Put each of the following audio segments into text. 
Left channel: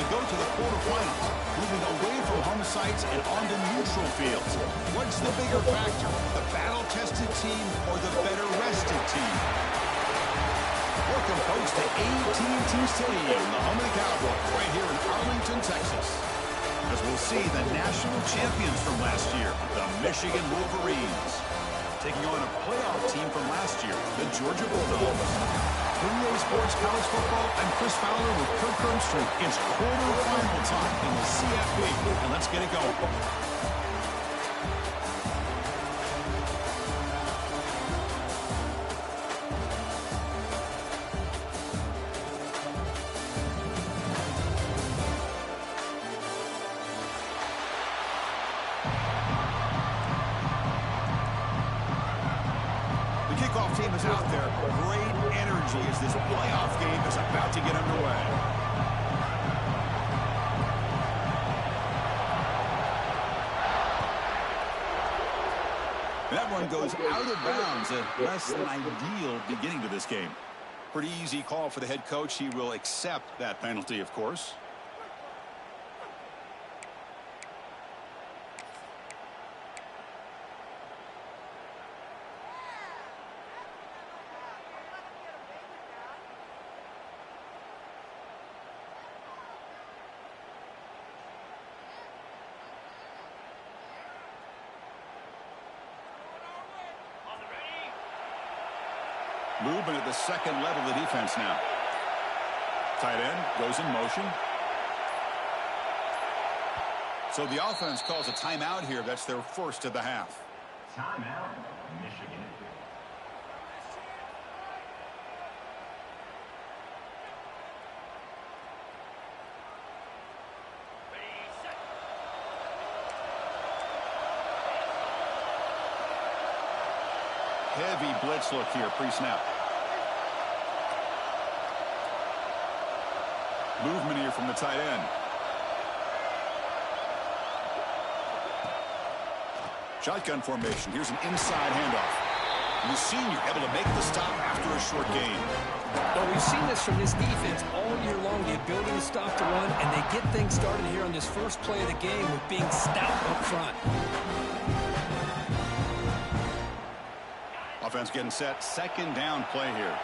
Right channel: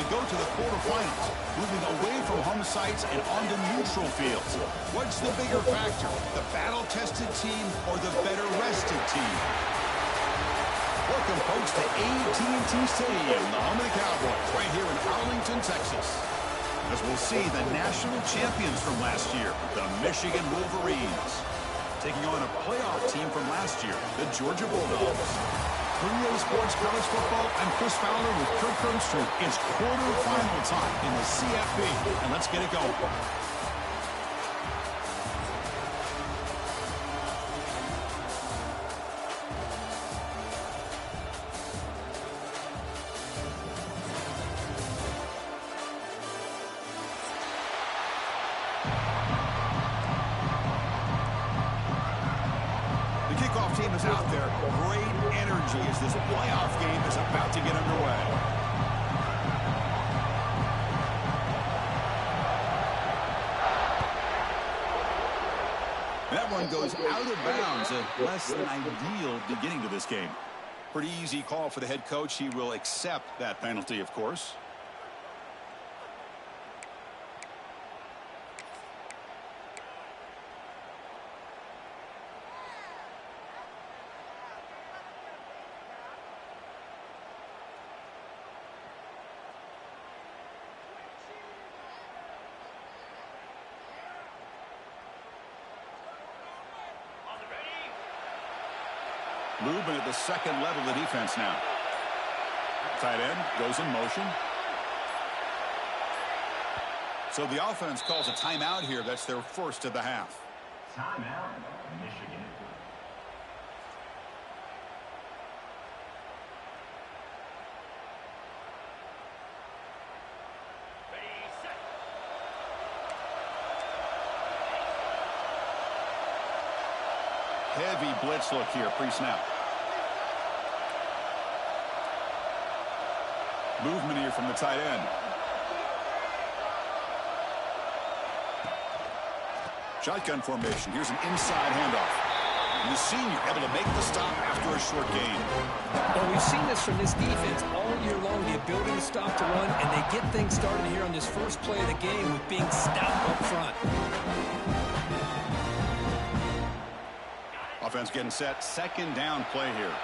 we go to the quarterfinals, moving away from home sites and onto neutral fields. What's the bigger factor, the battle-tested team or the better-rested team? Welcome, folks, to AT&T Stadium, the home of the Cowboys, right here in Arlington, Texas. As we'll see the national champions from last year, the Michigan Wolverines, taking on a playoff team from last year, the Georgia Bulldogs. For EA Sports College Football, I'm Chris Fowler with Kirk Herbstreit. It's quarterfinal time in the CFP, and let's get it going. Kickoff team is out there. Great energy as this playoff game is about to get underway. That one goes out of bounds. A less than ideal beginning to this game. Pretty easy call for the head coach. He will accept that penalty, of course. Movement at the second level of the defense now. Tight end goes in motion. So the offense calls a timeout here. That's their first of the half. Timeout, Michigan. Heavy blitz look here, pre-snap. Movement here from the tight end. Shotgun formation. Here's an inside handoff. And the senior able to make the stop after a short gain. Well, we've seen this from this defense all year long, the ability to stop the run, and they get things started here on this first play of the game with being stout up front. Offense getting set. Second down play here.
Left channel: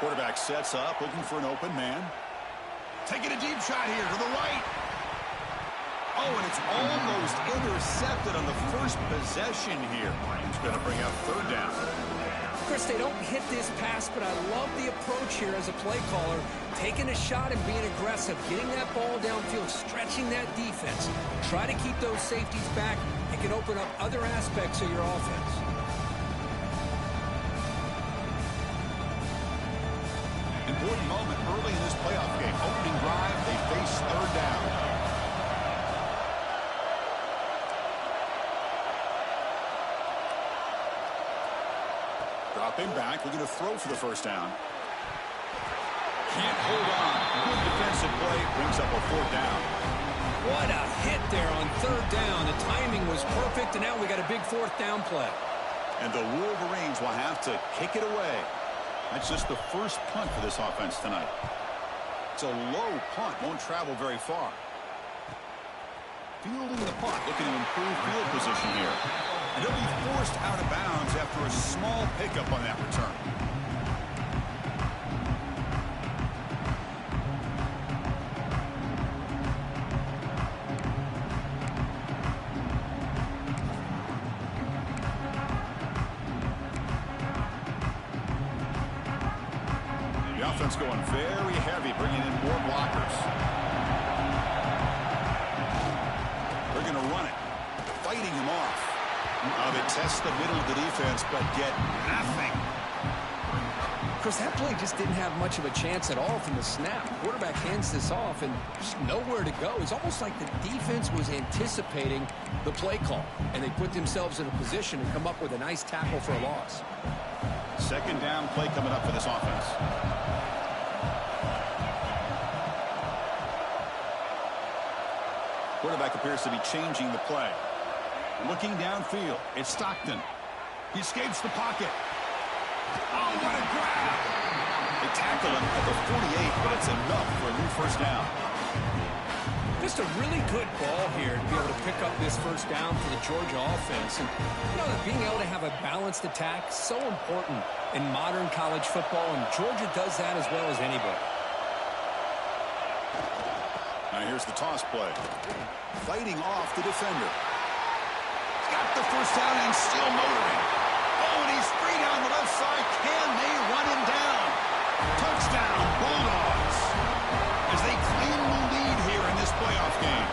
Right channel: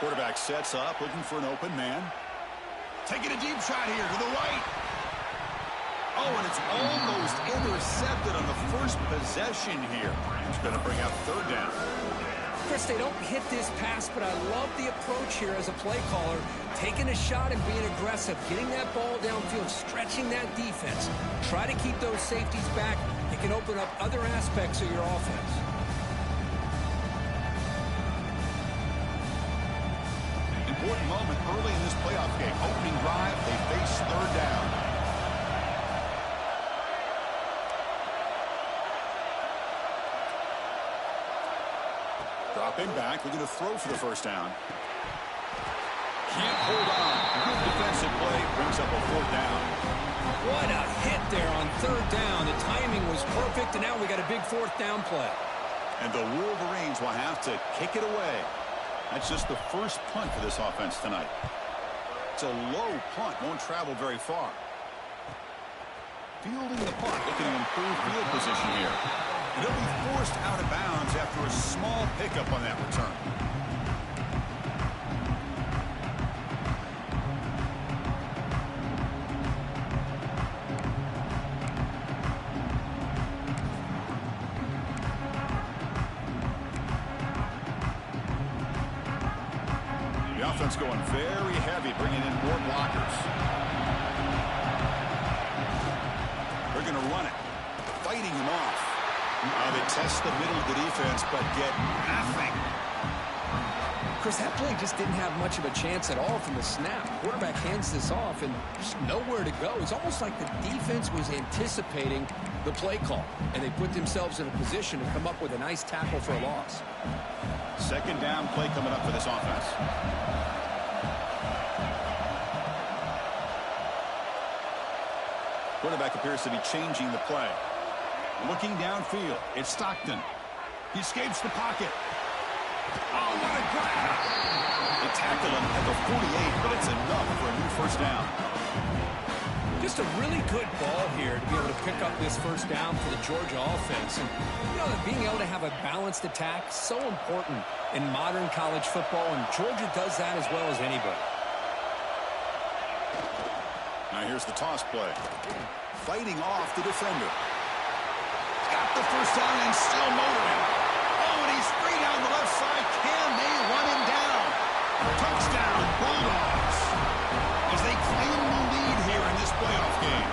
Quarterback sets up, looking for an open man. Taking a deep shot here to the right. Oh, and it's almost intercepted on the first possession here. It's going to bring out third down. Chris, they don't hit this pass, but I love the approach here as a play caller. Taking a shot and being aggressive, getting that ball downfield, stretching that defense. Try to keep those safeties back. It can open up other aspects of your offense. Important moment early in this playoff game. Opening drive, they face third down. Dropping back, looking to throw for the first down. Can't hold on. Good defensive play, brings up a fourth down. What a hit there on third down. The timing was perfect, and now we got a big fourth down play. And the Wolverines will have to kick it away. That's just the first punt for this offense tonight. It's a low punt, won't travel very far. Fielding the punt, looking to improve field position here. And he'll be forced out of bounds after a small pickup on that return. The offense going very heavy, bringing in more blockers. They're going to run it, fighting him off. They test the middle of the defense, but get nothing. Chris, that play just didn't have much of a chance at all from the snap. Quarterback hands this off, and just nowhere to go. It's almost like the defense was anticipating the play call, and they put themselves in a position to come up with a nice tackle for a loss. Second down play coming up for this offense. Quarterback appears to be changing the play. Looking downfield, it's Stockton. He escapes the pocket. Oh, what a grab! tackle him at the 48, but it's enough for a new first down. Just a really good ball here to be able to pick up this first down for the Georgia offense. And, you know, that being able to have a balanced attack is so important in modern college football, and Georgia does that as well as anybody. Now here's the toss play. Fighting off the defender. He's got the first down and still motoring. Oh, and he's free down the left side. Can they run him down? Touchdown, Bulldogs, as they claim the lead here in this playoff game.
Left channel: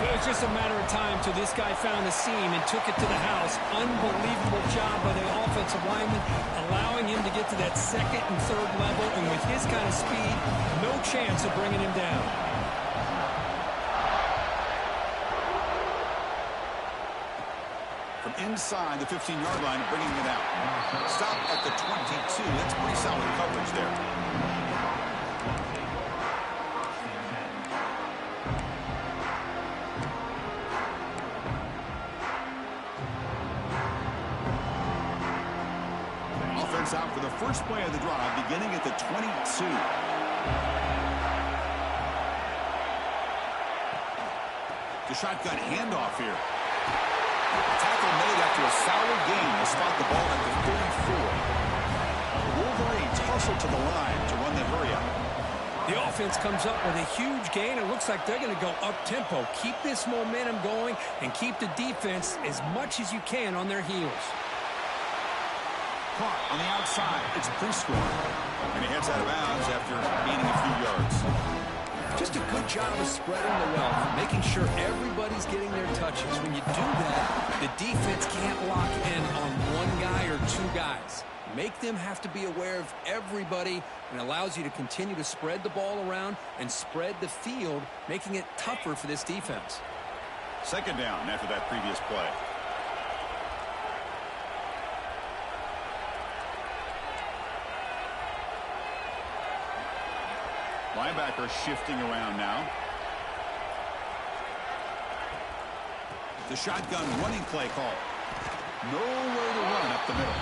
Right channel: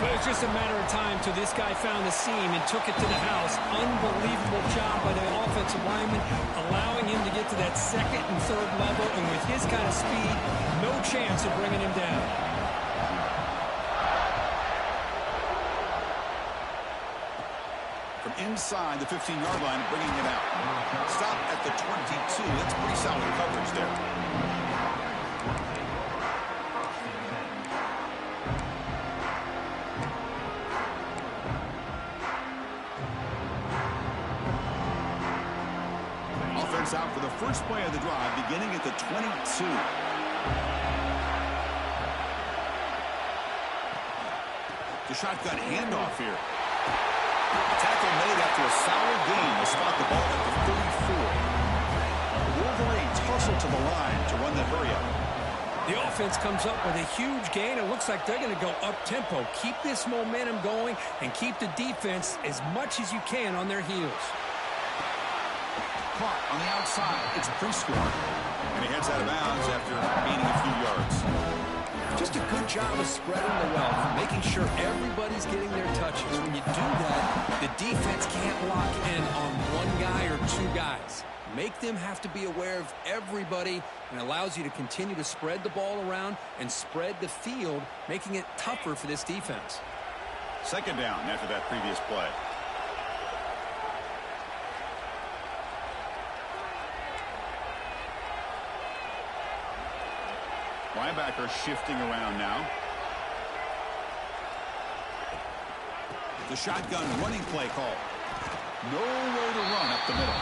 But it's just a matter of time till this guy found the seam and took it to the house. Unbelievable job by the offensive lineman, allowing him to get to that second and third level. And with his kind of speed, no chance of bringing him down. From inside the 15-yard line, bringing it out. Stop at the 22. That's pretty solid coverage there. Offense out for the first play of the drive, beginning at the 22. The shotgun handoff here. Tackle made after a solid gain. They'll spot the ball at the 34. Wolverines hustle to the line to run the hurry-up. The offense comes up with a huge gain. It looks like they're going to go up-tempo. Keep this momentum going and keep the defense as much as you can on their heels. Caught on the outside. It's Prescorn. And he heads out of bounds after gaining a few yards. Just a good job of spreading the wealth, making sure everybody's getting their touches. When you do that, the defense can't lock in on one guy or two guys. Make them have to be aware of everybody, and allows you to continue to spread the ball around and spread the field, making it tougher for this defense. Second down after that previous play. Linebacker shifting around now. The shotgun running play call. Nowhere to run up the middle.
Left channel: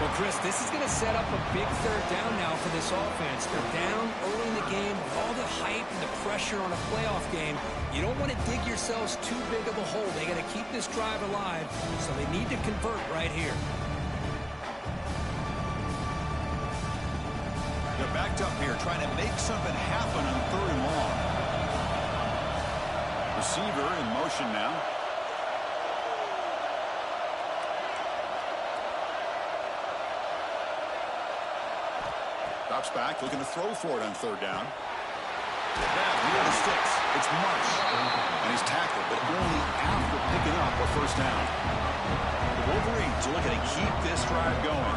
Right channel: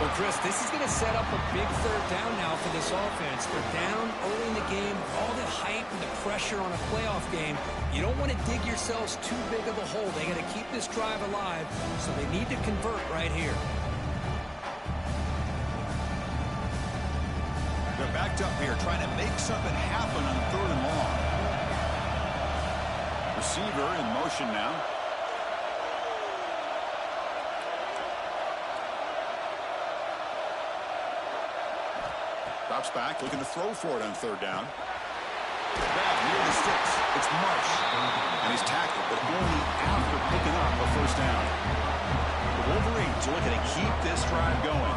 Well, Chris, this is going to set up a big third down now for this offense. They're down early in the game with all the hype and the pressure on a playoff game. You don't want to dig yourselves too big of a hole. They got to keep this drive alive, so they need to convert right here. They're backed up here, trying to make something happen on third and long. Receiver in motion now. Drops back, looking to throw for it on third down. Grab near the sticks. It's Marsh. And he's tackled, but only after picking up a first down. The Wolverines are looking to keep this drive going.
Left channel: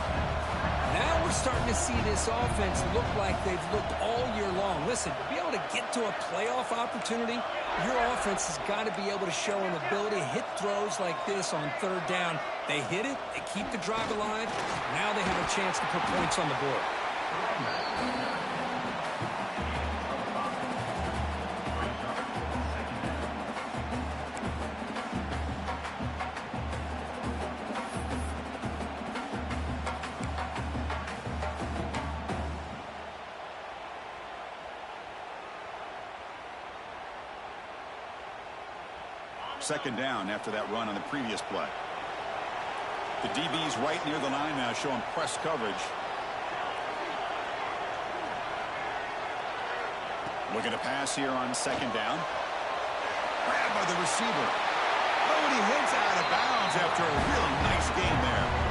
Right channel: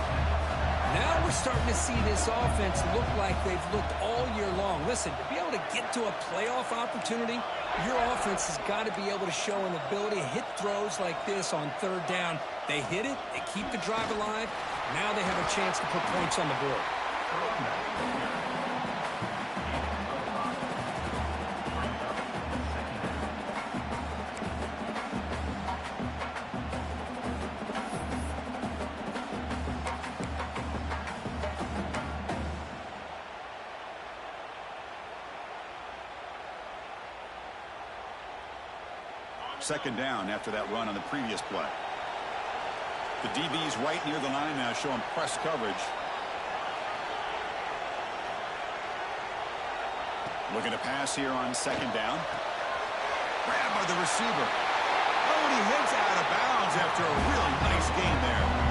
Now we're starting to see this offense look like they've looked all year long. Listen, to be able to get to a playoff opportunity, your offense has got to be able to show an ability to hit throws like this on third down. They hit it, they keep the drive alive. Now they have a chance to put points on the board. Second down after that run on the previous play. The DB's right near the line now, showing press coverage. Looking to pass here on second down. Grabbed by the receiver. Oh, and he hits out of bounds after a really nice game there.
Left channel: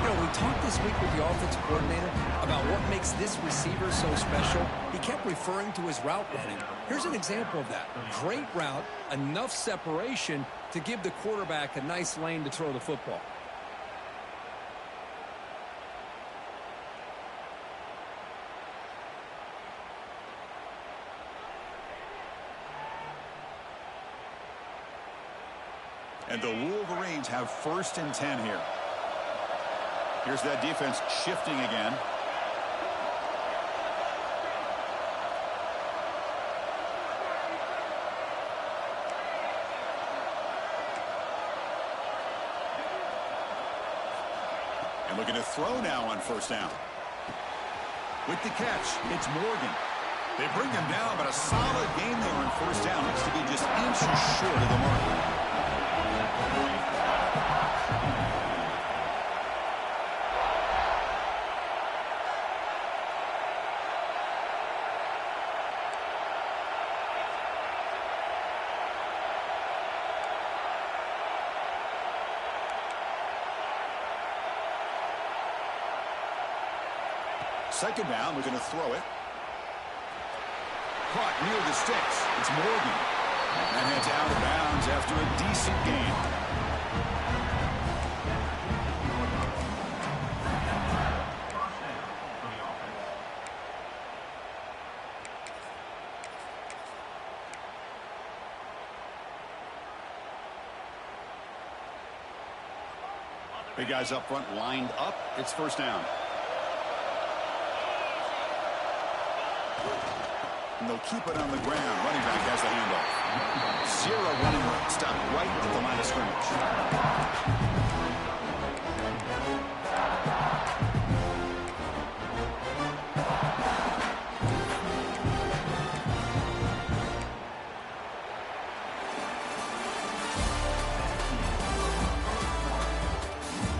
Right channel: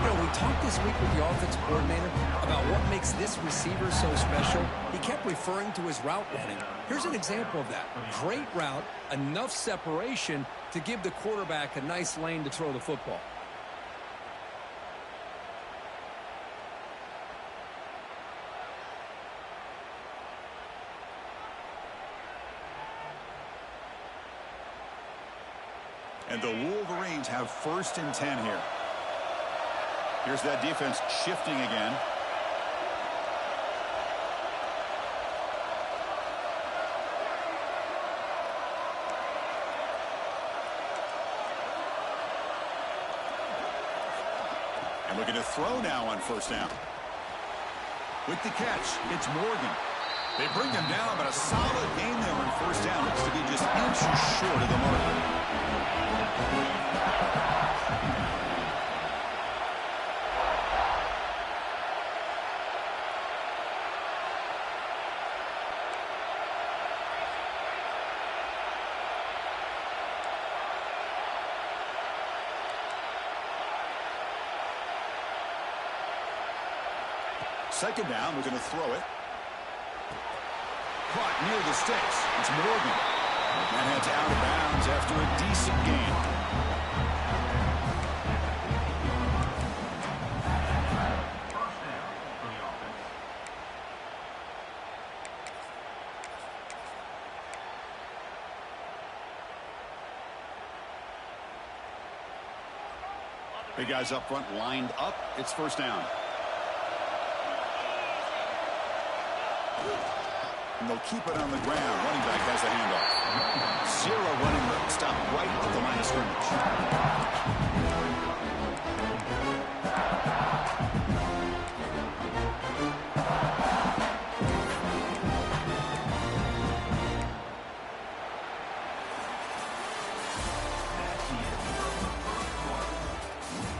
You know, we talked this week with the offensive coordinator about what makes this receiver so special. He kept referring to his route running. Here's an example of that. Great route, enough separation to give the quarterback a nice lane to throw the football. And the Wolverines have first and 10 here. Here's that defense shifting again. And looking to throw now on first down. With the catch, it's Morgan. They bring him down, but a solid game there on first down. Looks to be just inches short of the mark. Second down, we're going to throw it. Caught near the sticks. It's Morgan. And heads out of bounds after a decent gain. Big guys up front lined up. It's first down. And they'll keep it on the ground. Running back has the handoff. Zero running room. Stop right at the line of scrimmage.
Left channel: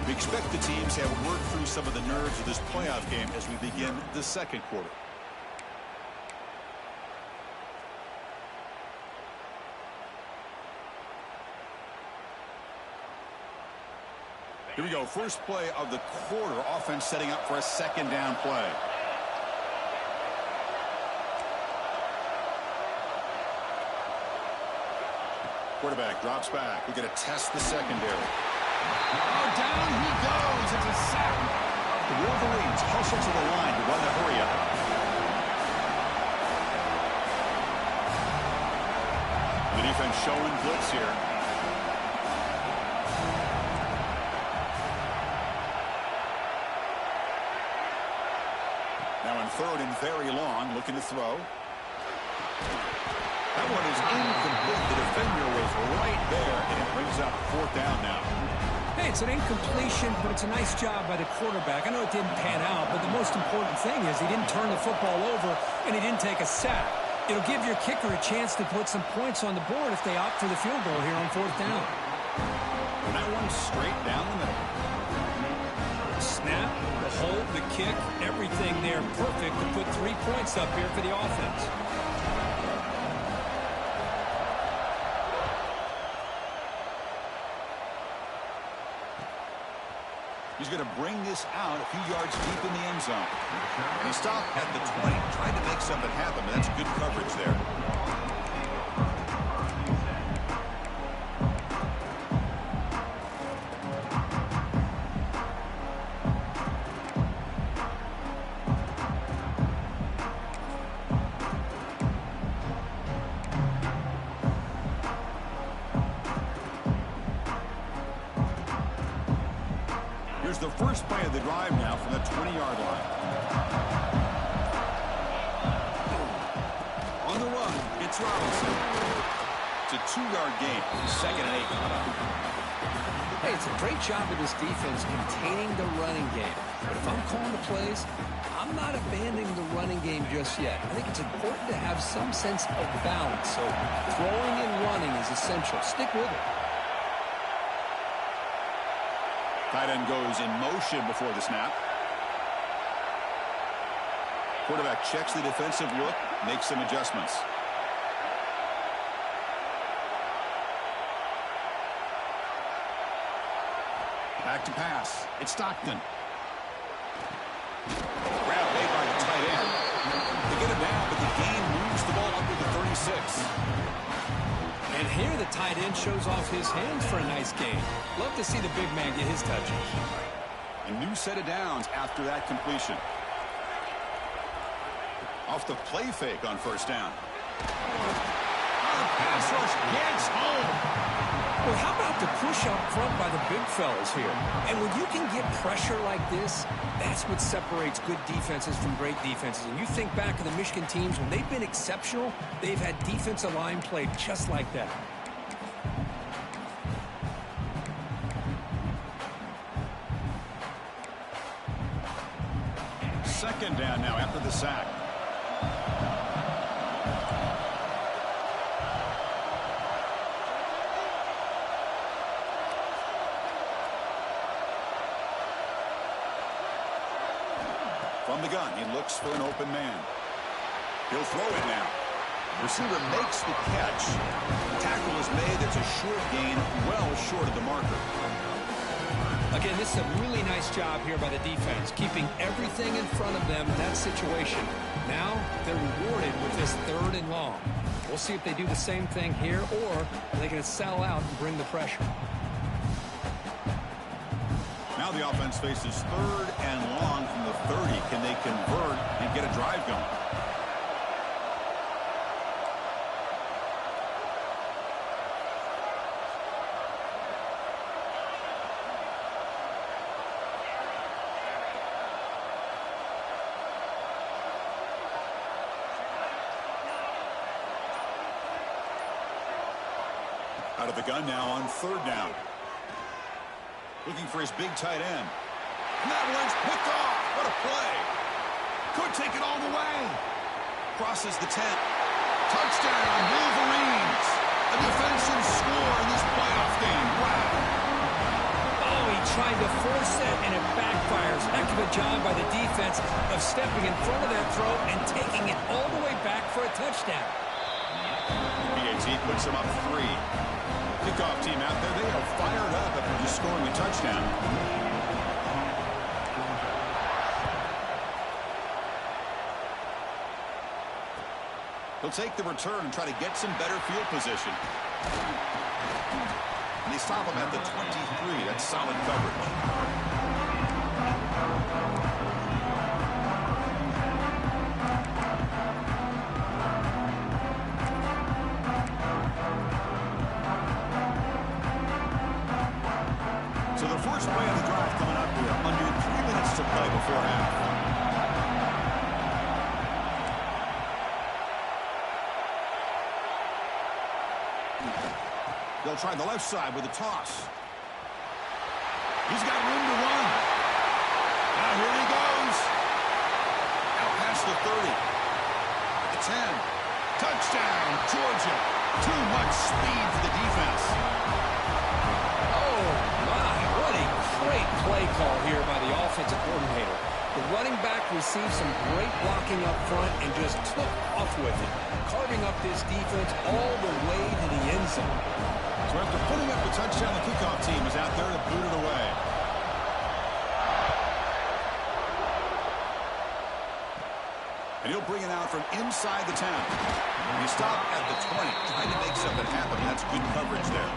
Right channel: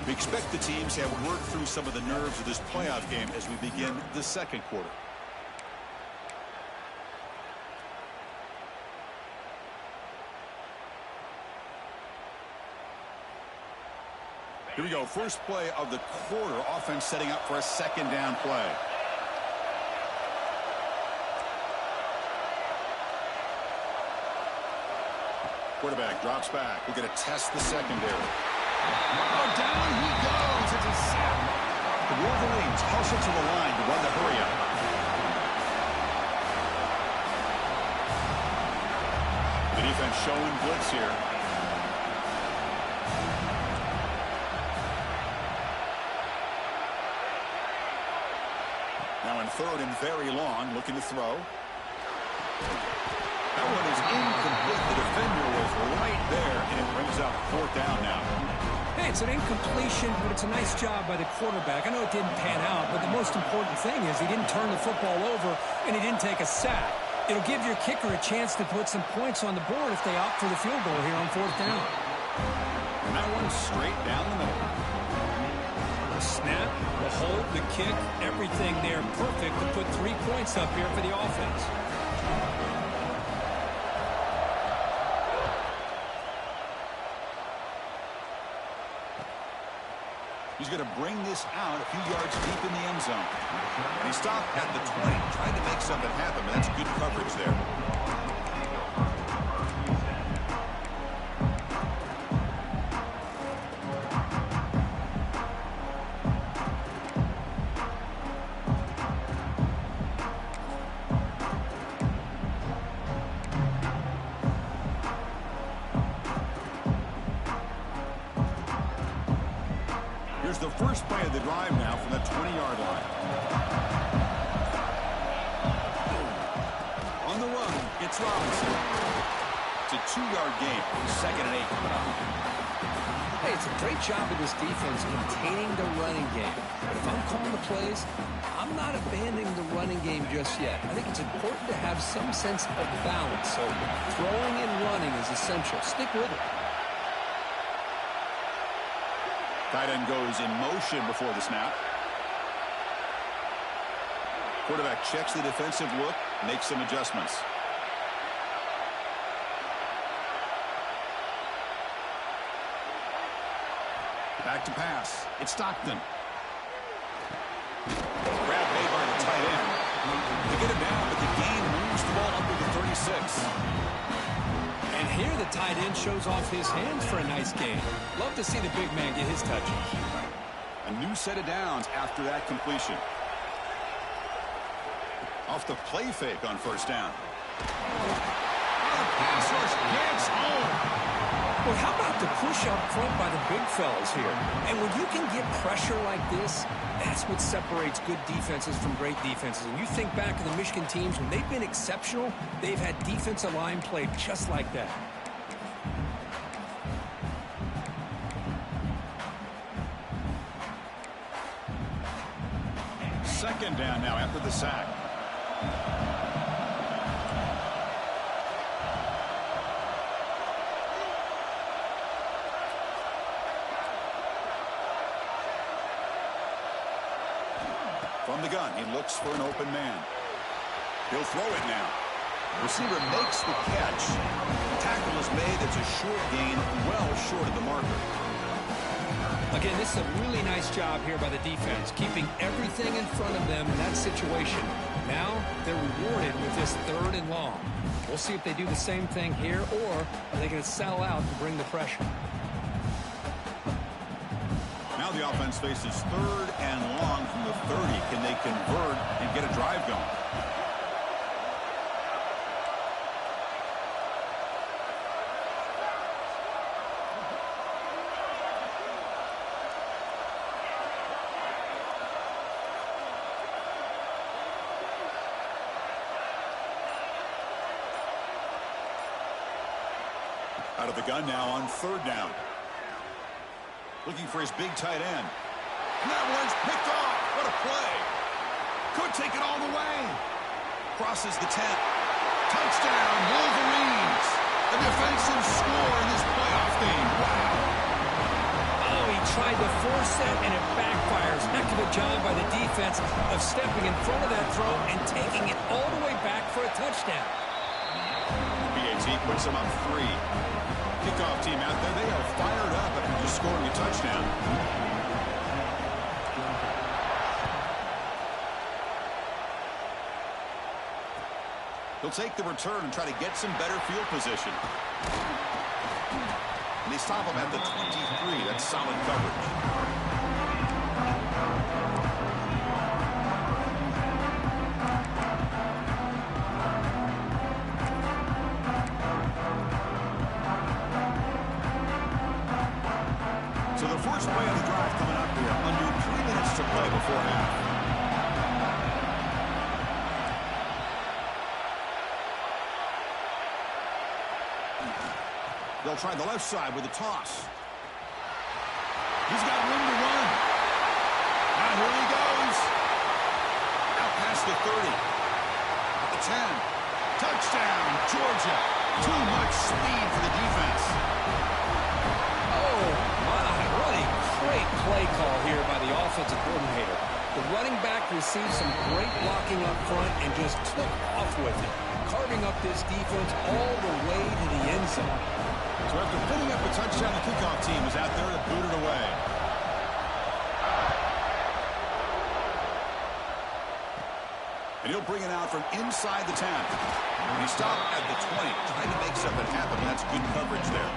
We expect the teams have worked through some of the nerves of this playoff game as we begin the second quarter. Here we go. First play of the quarter. Offense setting up for a second down play. Quarterback drops back. We're going to test the secondary. Oh, down he goes. It's a sack. The Wolverines hustle to the line to run the hurry up. The defense showing blitz here. Now in third and very long, looking to throw. That one is incomplete. The defender was right there, and it brings up fourth down now. Hey, it's an incompletion, but it's a nice job by the quarterback. I know it didn't pan out, but the most important thing is he didn't turn the football over, and he didn't take a sack. It'll give your kicker a chance to put some points on the board if they opt for the field goal here on fourth down. And that one straight down the middle. The snap, the hold, the kick, everything there perfect to put 3 points up here for the offense. He's going to bring this out a few yards deep in the end zone. And he stopped at the 20, tried to make something happen, but that's good coverage there. Here's the first play of the drive now from the 20-yard line. On the run, it's Robinson. It's a 2-yard gain. 2nd and 8 coming up. Hey, it's a great job of this defense containing the running game. But if I'm calling the plays, I'm not abandoning the running game just yet. I think it's important to have some sense of balance. So throwing and running is essential. Stick with it. Tight end goes in motion before the snap. Quarterback checks the defensive look, makes some adjustments. Back to pass. It's Stockton. Grab made by the tight end. They get him down, but the gain moves the ball up to the 36. And here the tight end shows off his hands for a nice gain. Love to see the big man get his touches. A new set of downs after that completion. Off the play fake on first down. Oh, the pass rush gets home. Well, how about the push up front by the big fellas here? And when you can get pressure like this, that's what separates good defenses from great defenses. And you think back to the Michigan teams, when they've been exceptional, they've had defensive line play just like that. second down now after the sack. From the gun, he looks for an open man. He'll throw it now. Receiver makes the catch. Tackle is made. It's a short gain, well short of the marker. Again, this is a really nice job here by the defense, keeping everything in front of them in that situation. Now they're rewarded with this 3rd and long. We'll see if they do the same thing here, or are they going to sell out and bring the pressure? Now the offense faces 3rd and long from the 30. Can they convert and get a drive going? Out of the gun now on 3rd down. Looking for his big tight end. And that one's picked off. What a play. Could take it all the way. Crosses the 10. Touchdown, Wolverines. A defensive score in this playoff game. Wow. Oh, he tried to force it, and it backfires. Heck of a job by the defense of stepping in front of that throw and taking it all the way back for a touchdown. BAT puts him up 3. Kickoff team out there, they are fired up after just scoring a touchdown. He'll take the return and try to get some better field position. And they stop him at the 23. That's solid coverage. So the first play of the drive coming up here. Under 3 minutes to play before half. They'll try the left side with a toss. He's got room to run. Now here he goes. Out past the 30. At the 10. Touchdown, Georgia. Too much speed for the defense. Oh, my, what a great play call here by the offensive coordinator. The running back received some great blocking up front and just took off with it, carving up this defense all the way to the end zone. So after putting up a touchdown, the kickoff team is out there to boot it away. And he'll bring it out from inside the 10. And he stopped at the 20, trying to make something happen. That's good coverage there.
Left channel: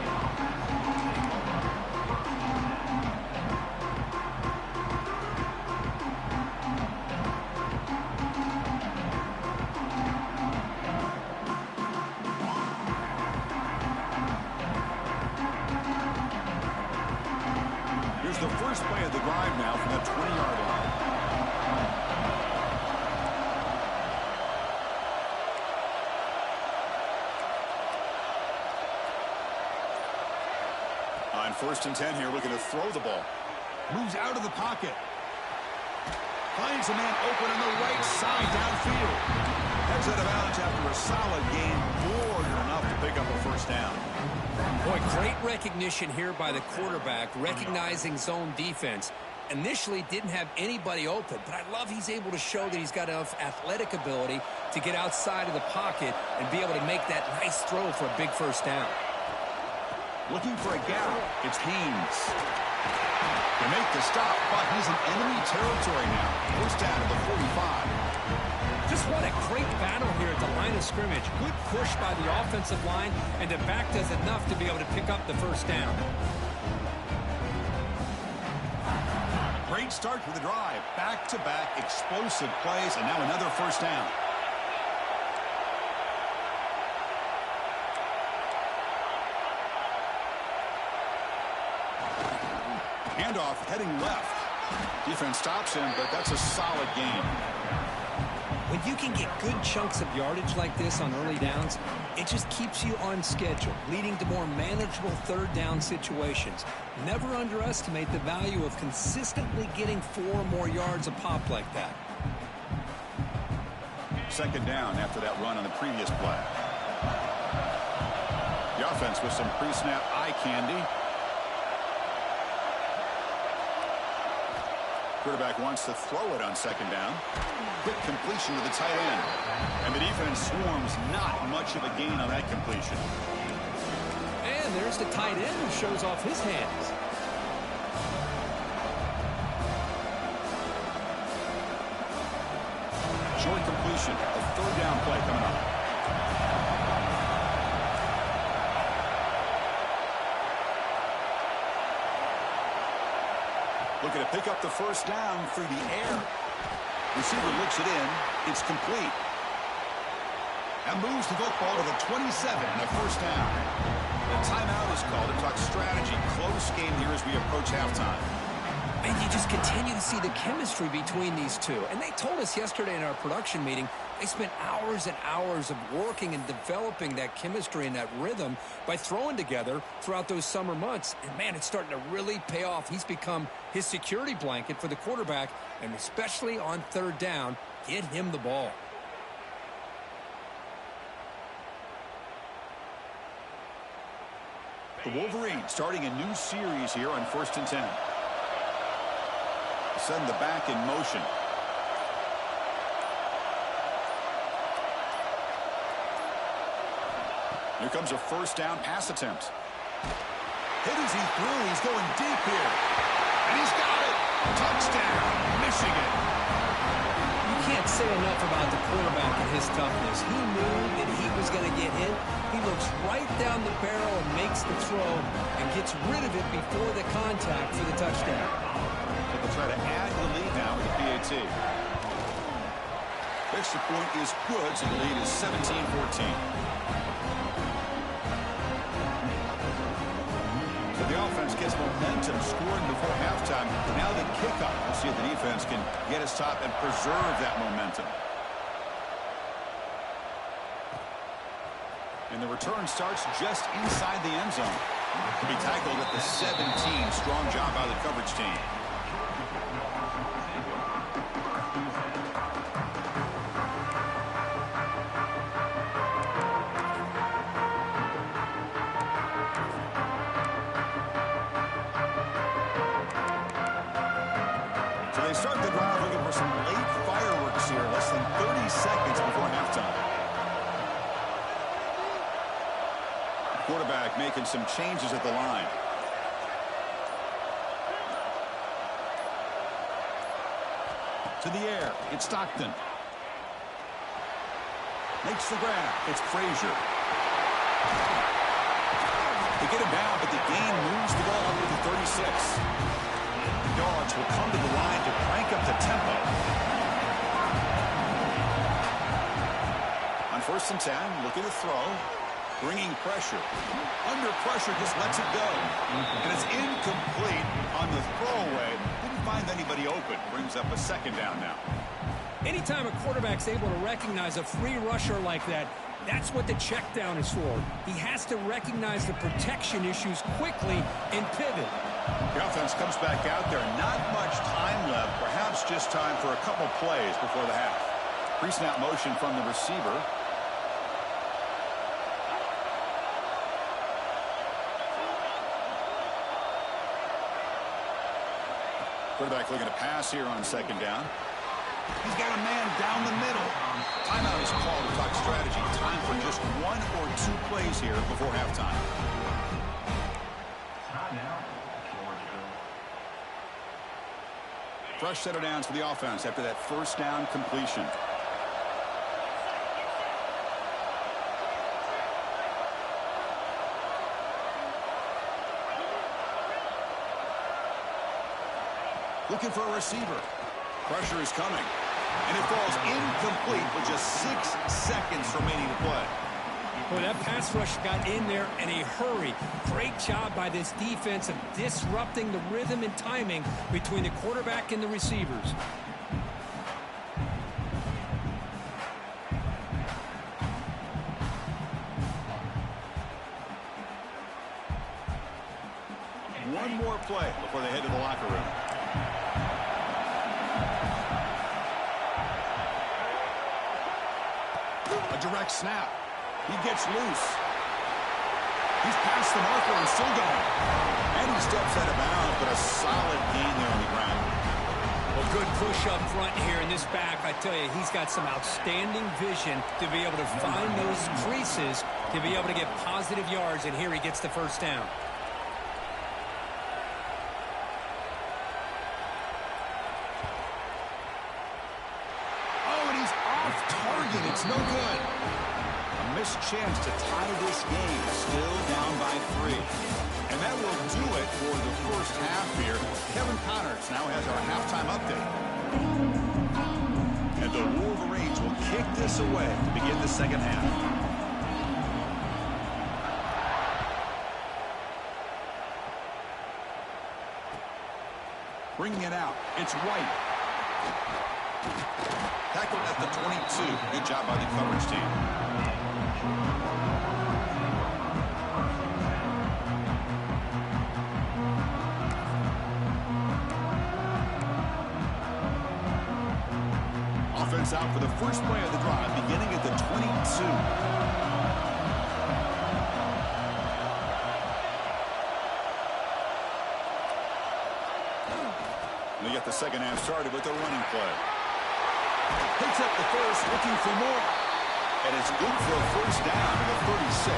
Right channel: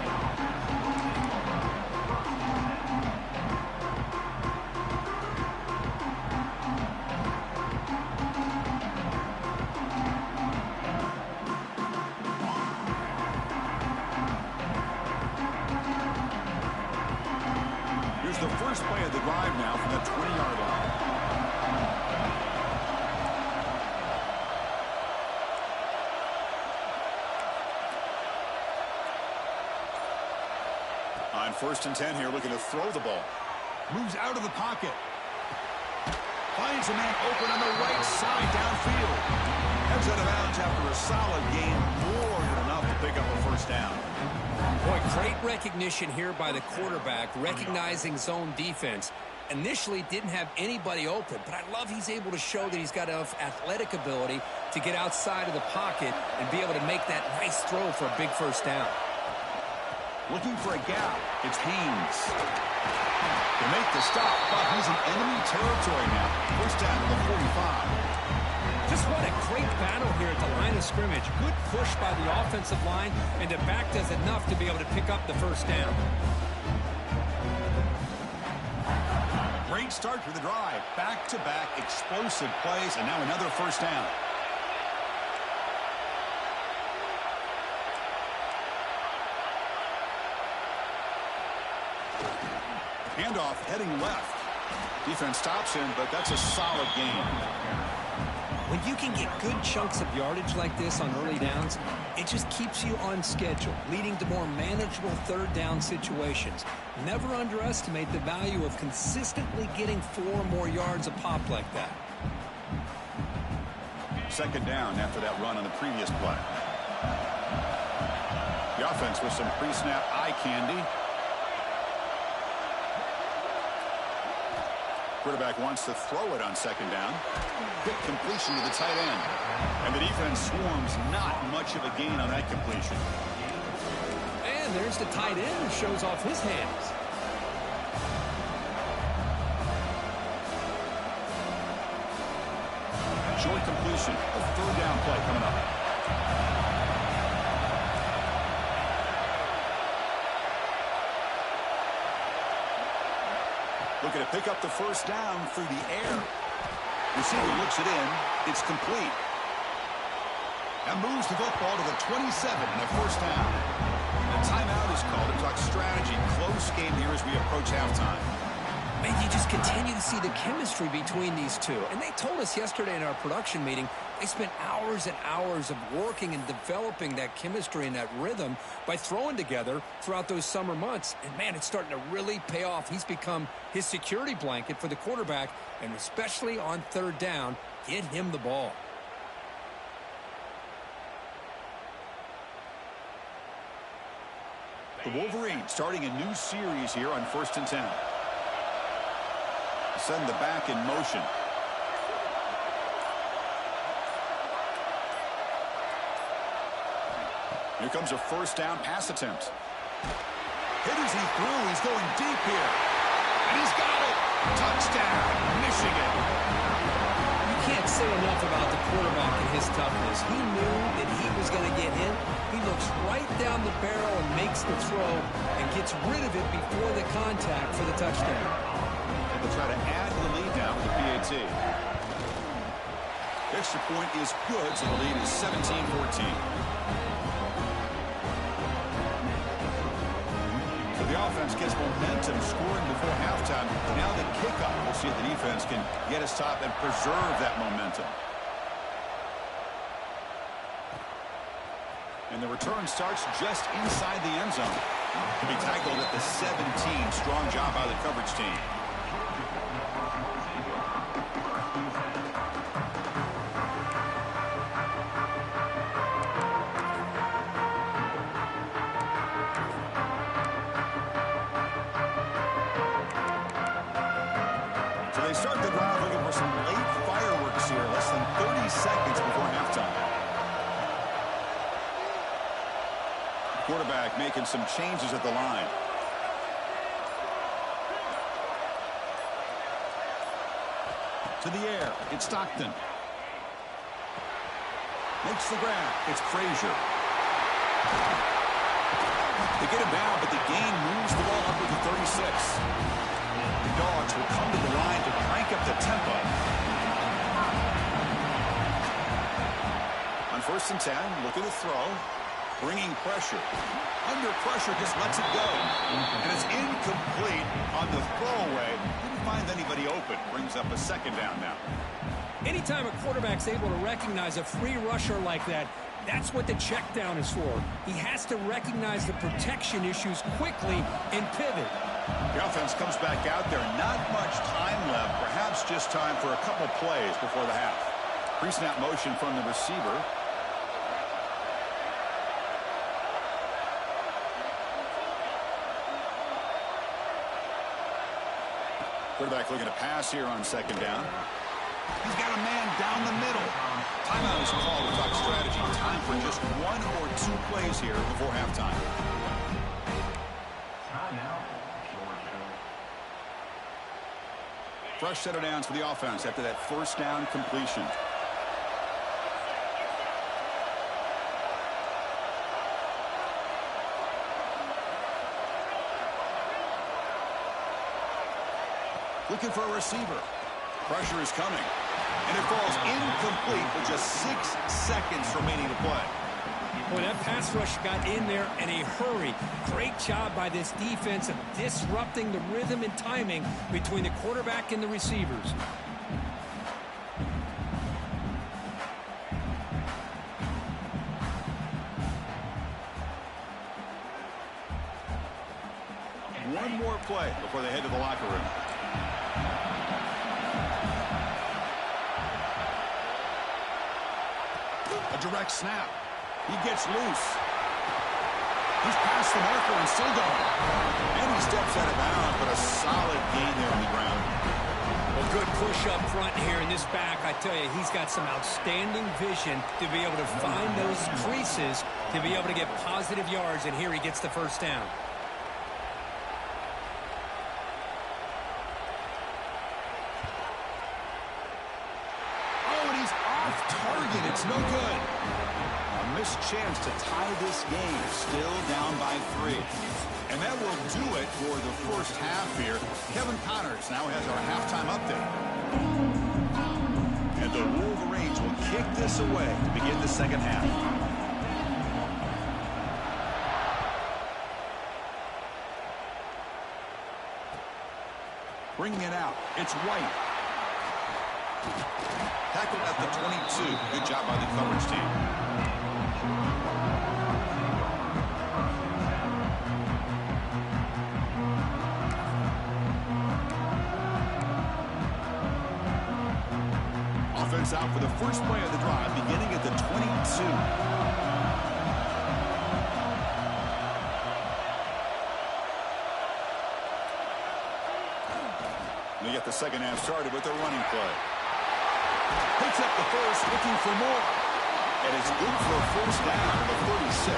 The first play of the drive now from the 20-yard line. On 1st and 10 here, looking to throw the ball. Moves out of the pocket. Finds a man open on the right side downfield. Heads out of bounds after a solid gain, more than enough to pick up a first down. Boy, great recognition here by the quarterback, recognizing zone defense. Initially didn't have anybody open, but I love he's able to show that he's got enough athletic ability to get outside of the pocket and be able to make that nice throw for a big first down. Looking for a gap. It's Haynes. They make the stop, but he's in enemy territory now. First down to the 45. Just what a great battle here at the line of scrimmage. Good push by the offensive line, and the back does enough to be able to pick up the first down. Great start for the drive. Back-to-back explosive plays, and now another first down. Handoff heading left. Defense stops him, but that's a solid gain. When you can get good chunks of yardage like this on early downs, it just keeps you on schedule, leading to more manageable 3rd down situations. Never underestimate the value of consistently getting 4 more yards a pop like that. Second down after that run on the previous play. The offense with some pre-snap eye candy. Quarterback wants to throw it on second down. Quick completion to the tight end. And the defense swarms, not much of a gain on that completion. And there's the tight end who shows off his hands. Short completion, a third down play coming up. Looking to pick up the first down through the air. Receiver looks it in. It's complete. And moves the football to the 27 and a first down. A timeout is called to talk strategy. Close game here as we approach halftime. And you just continue to see the chemistry between these two. And they told us yesterday in our production meeting, they spent hours and hours of working and developing that chemistry and that rhythm by throwing together throughout those summer months. And, man, it's starting to really pay off. He's become his security blanket for the quarterback, and especially on third down, get him the ball. The Wolverines starting a new series here on 1st and 10. Send the back in motion. Here comes a first down pass attempt. Hit as he threw. He's going deep here. And he's got it. Touchdown, Michigan. You can't say enough about the quarterback and his toughness. He knew that he was going to get hit. He looks right down the barrel and makes the throw and gets rid of it before the contact for the touchdown. They'll try to add to the lead now with the PAT. Extra point is good, so the lead is 17-14. So the offense gets momentum scoring before halftime. Now the kickoff. We'll see if the defense can get his top and preserve that momentum. And the return starts just inside the end zone. To be tackled at the 17. Strong job by the coverage team. So they start the drive looking for some late fireworks here. Less than 30 seconds before halftime. Quarterback making some changes at the line. To the air. It's Stockton. Makes the grab. It's Frazier. They get him down, but the gain moves the ball up to the 36. The Dogs will come to the line to crank up the tempo. On 1st and 10, looking to throw. Bringing pressure. Under pressure, just lets it go. And it's incomplete on the throwaway. Didn't find anybody open. Brings up a second down now. Anytime a quarterback's able to recognize a free rusher like that, that's what the check down is for. He has to recognize the protection issues quickly and pivot. The offense comes back out there. Not much time left. Perhaps just time for a couple plays before the half. Pre-snap motion from the receiver. Quarterback looking to pass here on second down. He's got a man down the middle. Timeout is called to talk strategy. Time for just 1 or 2 plays here before halftime. Timeout, Georgia. Fresh set of downs for the offense after that first down completion. Looking for a receiver. Pressure is coming. And it falls incomplete with just 6 seconds remaining to play. Boy, that pass rush got in there in a hurry. Great job by this defense of disrupting the rhythm and timing between the quarterback and the receivers. One more play before they head to the locker room. A direct snap. He gets loose. He's past the marker and still going. And he steps out of bounds, but a solid gain there on the ground. Well, good push up front here in this back. I tell you, he's got some outstanding vision to be able to find those creases, to be able to get positive yards, and here he gets the first down. Oh, and he's off target. It's no good. A missed chance to tie this game. Still down by 3. And that will do it for the first half here. Kevin Connors now has our halftime update. And the Wolverines will kick this away to begin the second half. Bringing it out. It's White. Tackled at the 22. Good job by the coverage team. Offense out for the first play of the drive, beginning at the 22. They get the second half started with a running play. Picks up the first, looking for more. And it's good for a first down at the 36.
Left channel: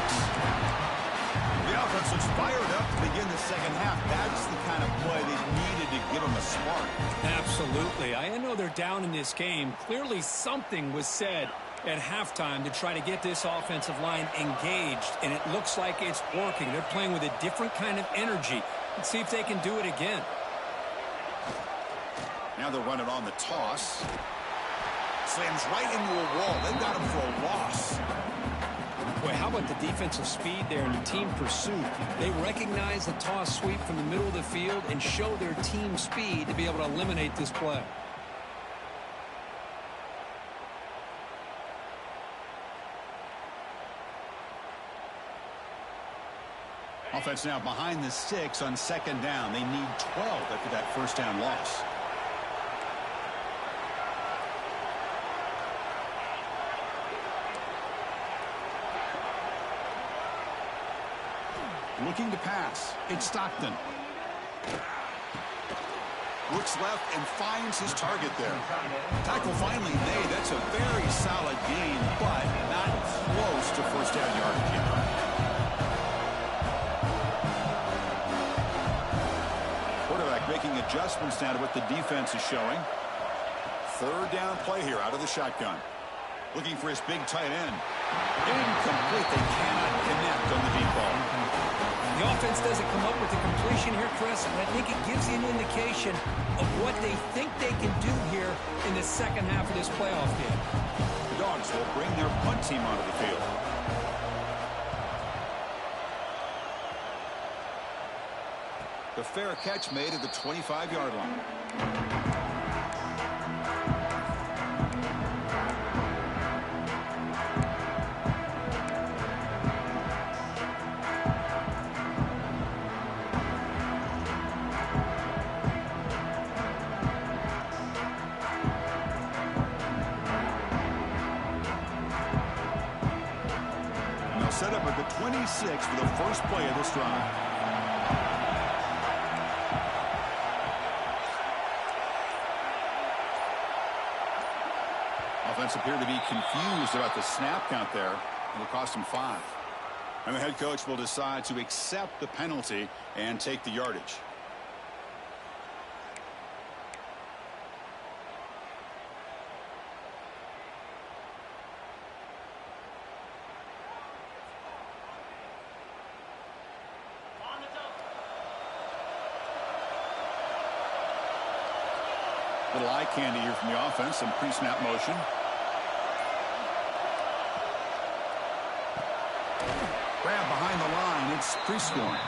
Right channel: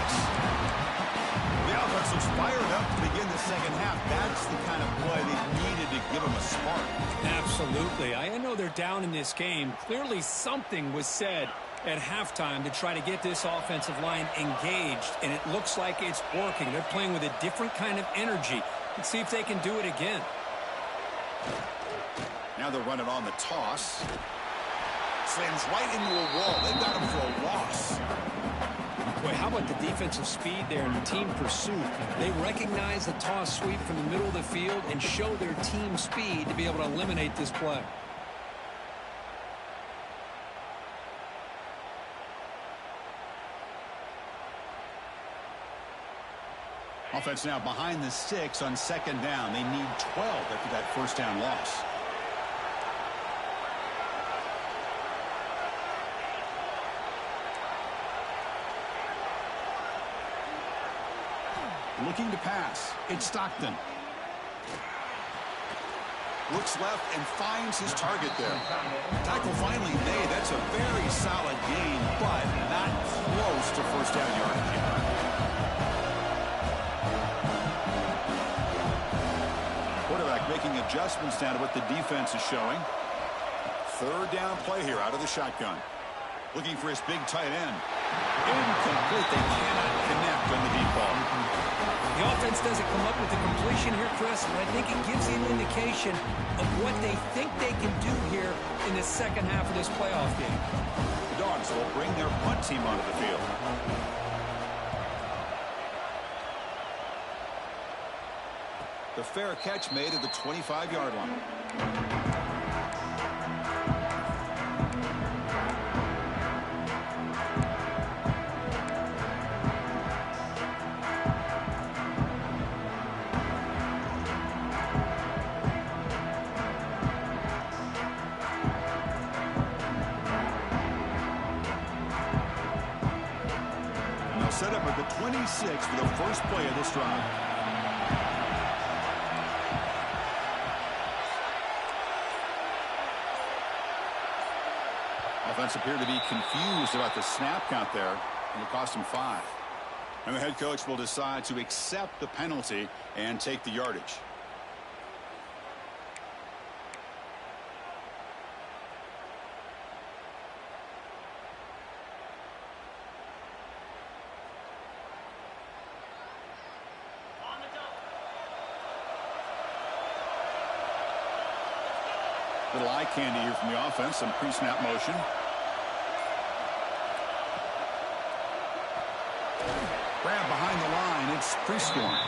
The offense looks fired up to begin the second half. That's the kind of play they needed to give them a spark. Absolutely. I know they're down in this game. Clearly something was said at halftime to try to get this offensive line engaged, and it looks like it's working. They're playing with a different kind of energy. Let's see if they can do it again. Now they're running on the toss. Slams right into a wall. They've got him for a loss. Boy, how about the defensive speed there and the team pursuit? They recognize the toss sweep from the middle of the field and show their team speed to be able to eliminate this play. Offense now behind the 6 on second down. They need 12 after that first down loss. Looking to pass. It's Stockton. Looks left and finds his target there. Tackle finally made. That's a very solid gain, but not close to first down yardage yet. Quarterback making adjustments now to what the defense is showing. Third down play here out of the shotgun. Looking for his big tight end. Incomplete. They cannot connect on the deep ball. The offense doesn't come up with the completion here, Chris, but I think it gives you an indication of what they think they can do here in the second half of this playoff game. The Dogs will bring their punt team onto the field. The fair catch made at the 25-yard line. Set up at the 26 for the first play of this drive. Offense appeared to be confused about the snap count there. It'll cost him 5. And the head coach will decide to accept the penalty and take the yardage. Little eye candy here from the offense. Some pre-snap motion. Grab behind the line. It's pre-scoring.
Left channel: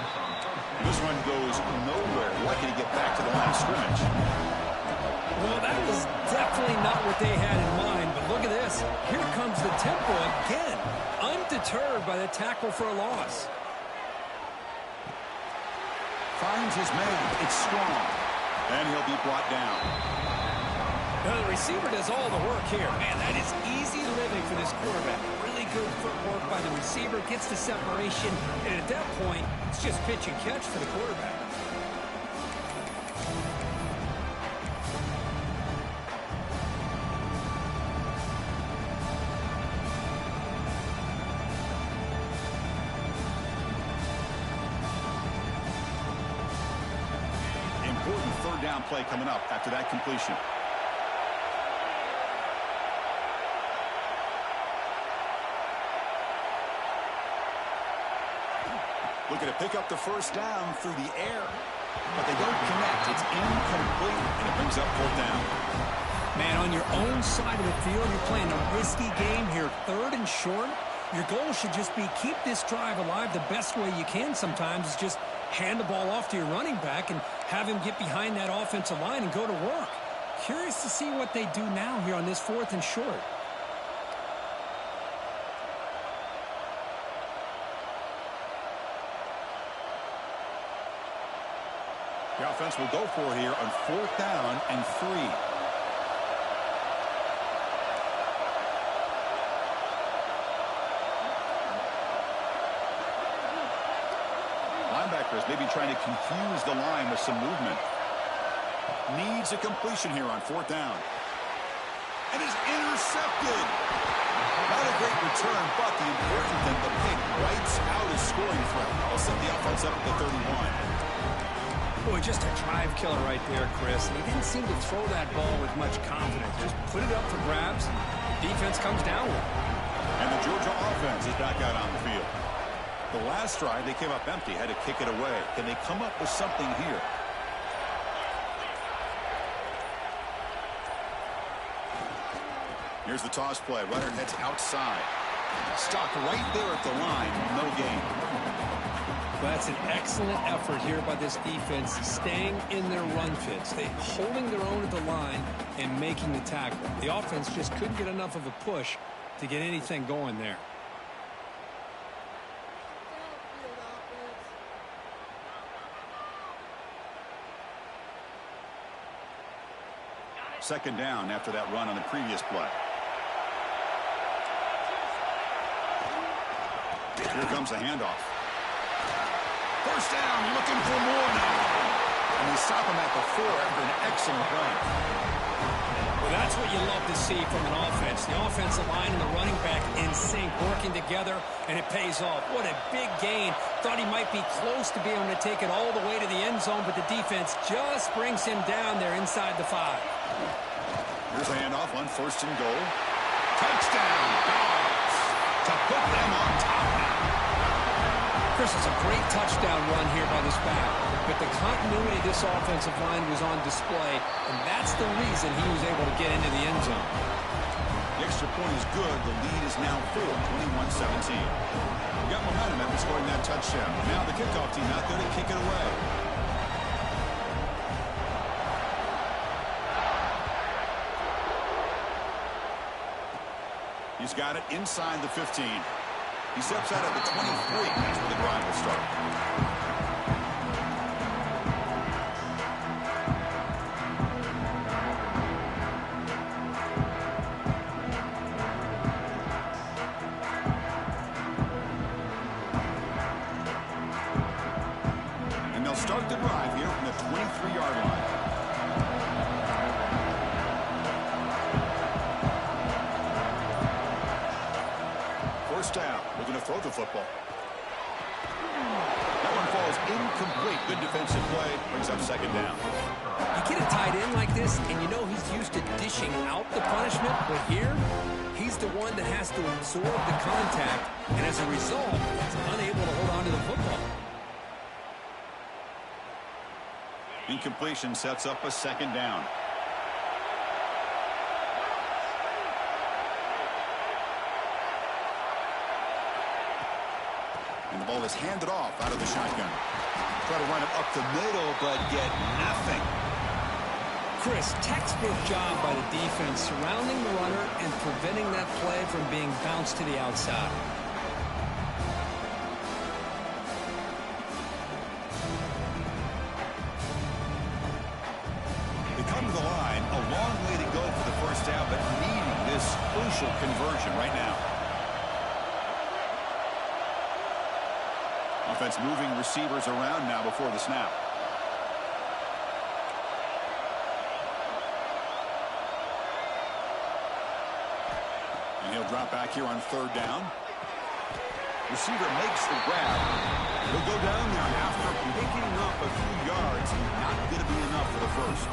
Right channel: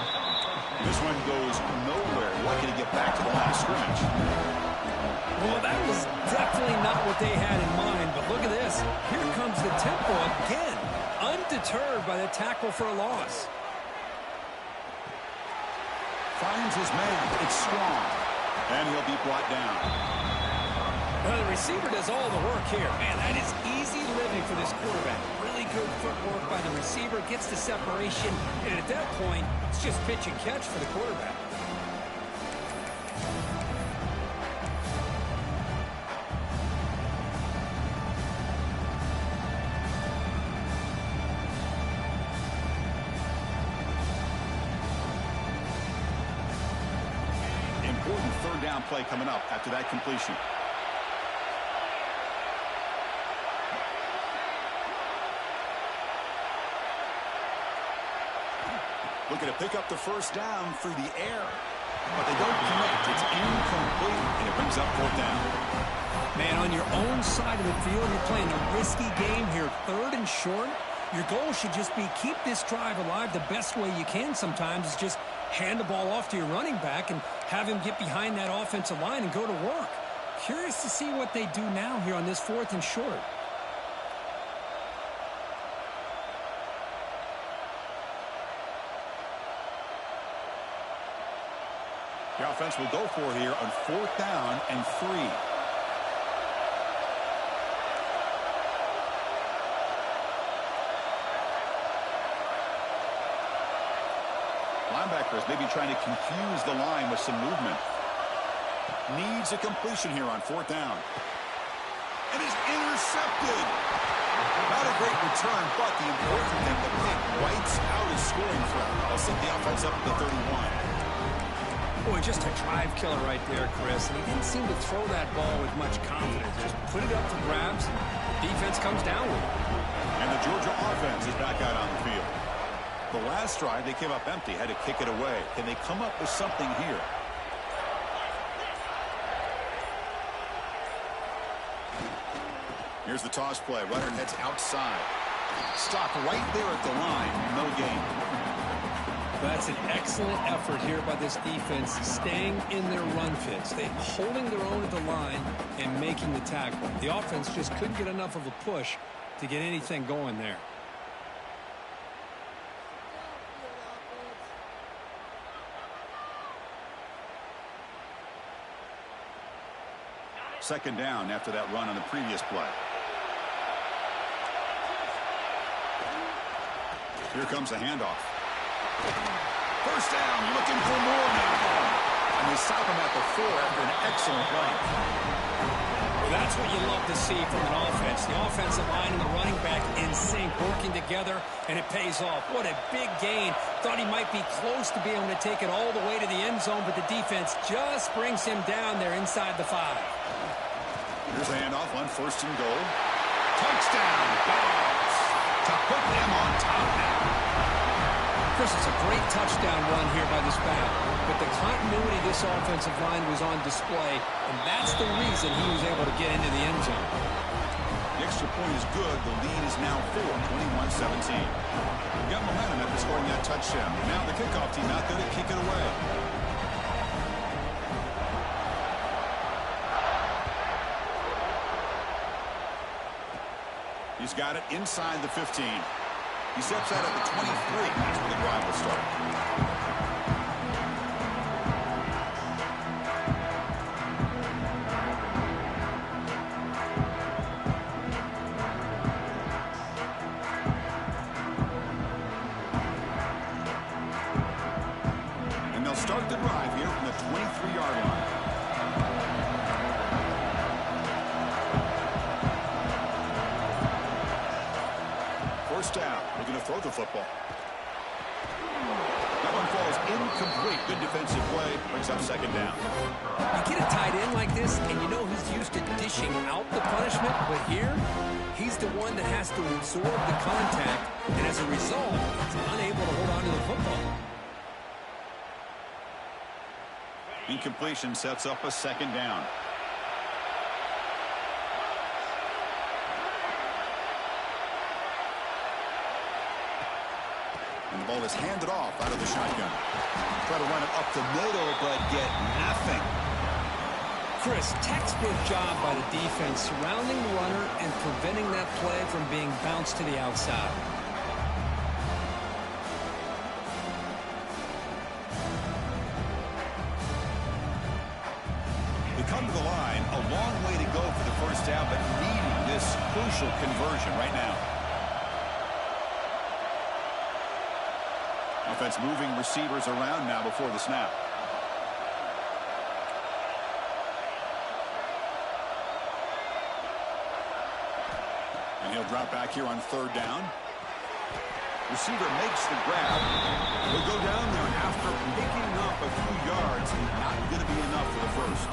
This one goes nowhere. Lucky to get back to the line of scrimmage. Well, that was definitely not what they had in mind, but look at this. Here comes the tempo again. Undeterred by the tackle for a loss. Finds his man. It's Strong. And he'll be brought down. Well, the receiver does all the work here. Man, that is easy living for this quarterback. Really good footwork by the receiver, gets the separation, and at that point, it's just pitch and catch for the quarterback. Important third down play coming up after that completion. Looking to pick up the first down through the air. But they don't connect. It's incomplete, and it brings up fourth down. Man, on your own side of the field, you're playing a risky game here. Third and short. Your goal should just be keep this drive alive. The best way you can sometimes is just hand the ball off to your running back and have him get behind that offensive line and go to work. Curious to see what they do now here on this fourth and short. The offense will go for it here on fourth down and 3. Linebackers maybe trying to confuse the line with some movement. Needs a completion here on fourth down. And is intercepted. Not a great return, but the important thing, the pick wipes out his scoring threat. They'll set the offense up at the 31. Boy, just a drive killer right there, Chris. And he didn't seem to throw that ball with much confidence. Just put it up for grabs, and the defense comes down with it. And the Georgia offense is back out on the field. The last drive, they came up empty, had to kick it away. Can they come up with something here? Here's the toss play. Runner heads outside. Stopped right there at the line. No gain. Well, that's an excellent effort here by this defense, staying in their run fits. They holding their own at the line and making the tackle. The offense just couldn't get enough of a push to get anything going there. Second down after that run on the previous play. Here comes the handoff. First down, looking for more now. And they stop him at the 4 after an excellent run. Well, that's what you love to see from an offense. The offensive line and the running back in sync, working together, and it pays off. What a big gain. Thought he might be close to being able to take it all the way to the end zone, but the defense just brings him down there inside the 5. Here's a handoff on first and goal. Touchdown, Dogs, to put them on top now. Chris, it's a great touchdown run here by this back, but the continuity of this offensive line was on display, and that's the reason he was able to get into the end zone. The extra point is good. The lead is now 4, 21-17. We got momentum after scoring that touchdown. Now the kickoff team out there to kick it away. He's got it inside the 15. He steps out at the 23. That's where the drive will start. And they'll start the drive here from the 23-yard line. First down, looking to throw the football. That one falls incomplete. Good defensive play, brings up second down. You get a tight end like this, and you know he's used to dishing out the punishment, but here, he's the one that has to absorb the contact, and as a result, he's unable to hold on to the football. Incompletion sets up a second down. And the ball is handed off out of the shotgun. Try to run it up the middle, but get nothing. Chris, textbook job by the defense surrounding the runner and preventing that play from being bounced to the outside. They come to the line, a long way to go for first down, but needing this crucial conversion right now. Offense moving receivers around now before the snap. And he'll drop back here on third down. Receiver makes the grab. He'll go down there after picking up a few yards. Not going to be enough for the first.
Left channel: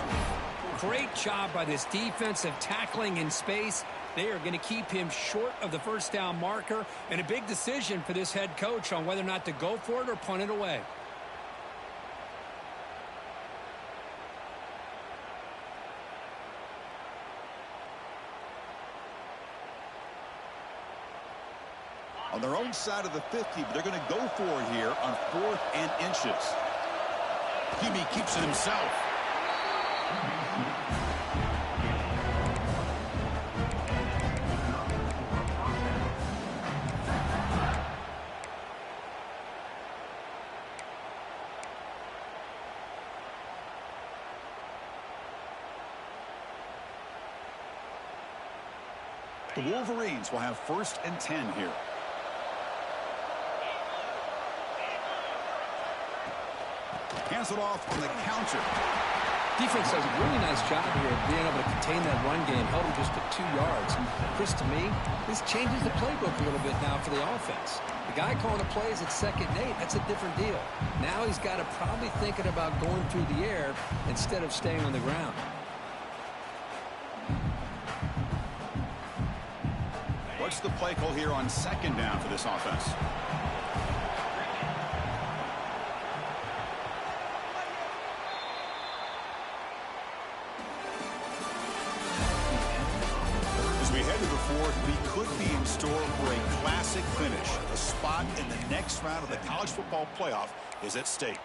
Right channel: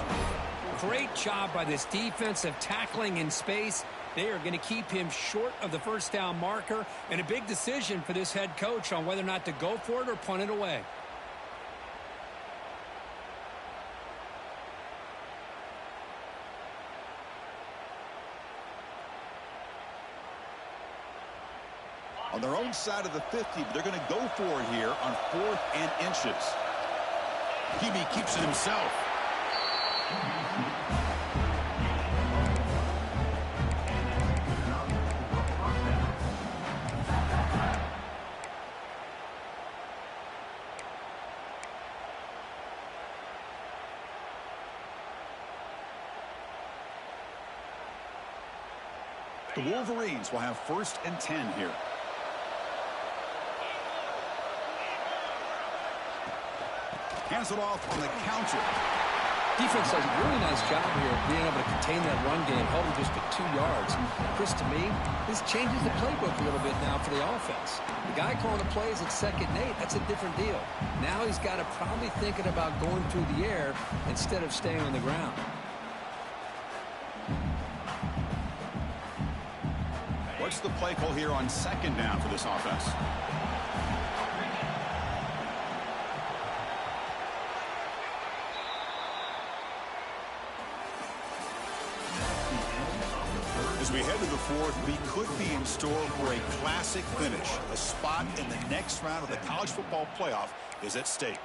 Great job by this defensive tackling in space. They are going to keep him short of the first down marker, and a big decision for this head coach on whether or not to go for it or punt it away. On their own side of the 50, but they're going to go for it here on 4th and inches. QB keeps it himself. The Wolverines will have 1st and 10 here. Hands it off on the counter. Defense does a really nice job here of being able to contain that run game, held him just at 2 yards. Chris, to me, this changes the playbook a little bit now for the offense. The guy calling the plays at 2nd and 8, that's a different deal. Now he's got to probably thinking about going through the air instead of staying on the ground. What's the play call here on 2nd down for this offense? As we head to the 4th, we could be in store for a classic finish. A spot in the next round of the college football playoff is at stake.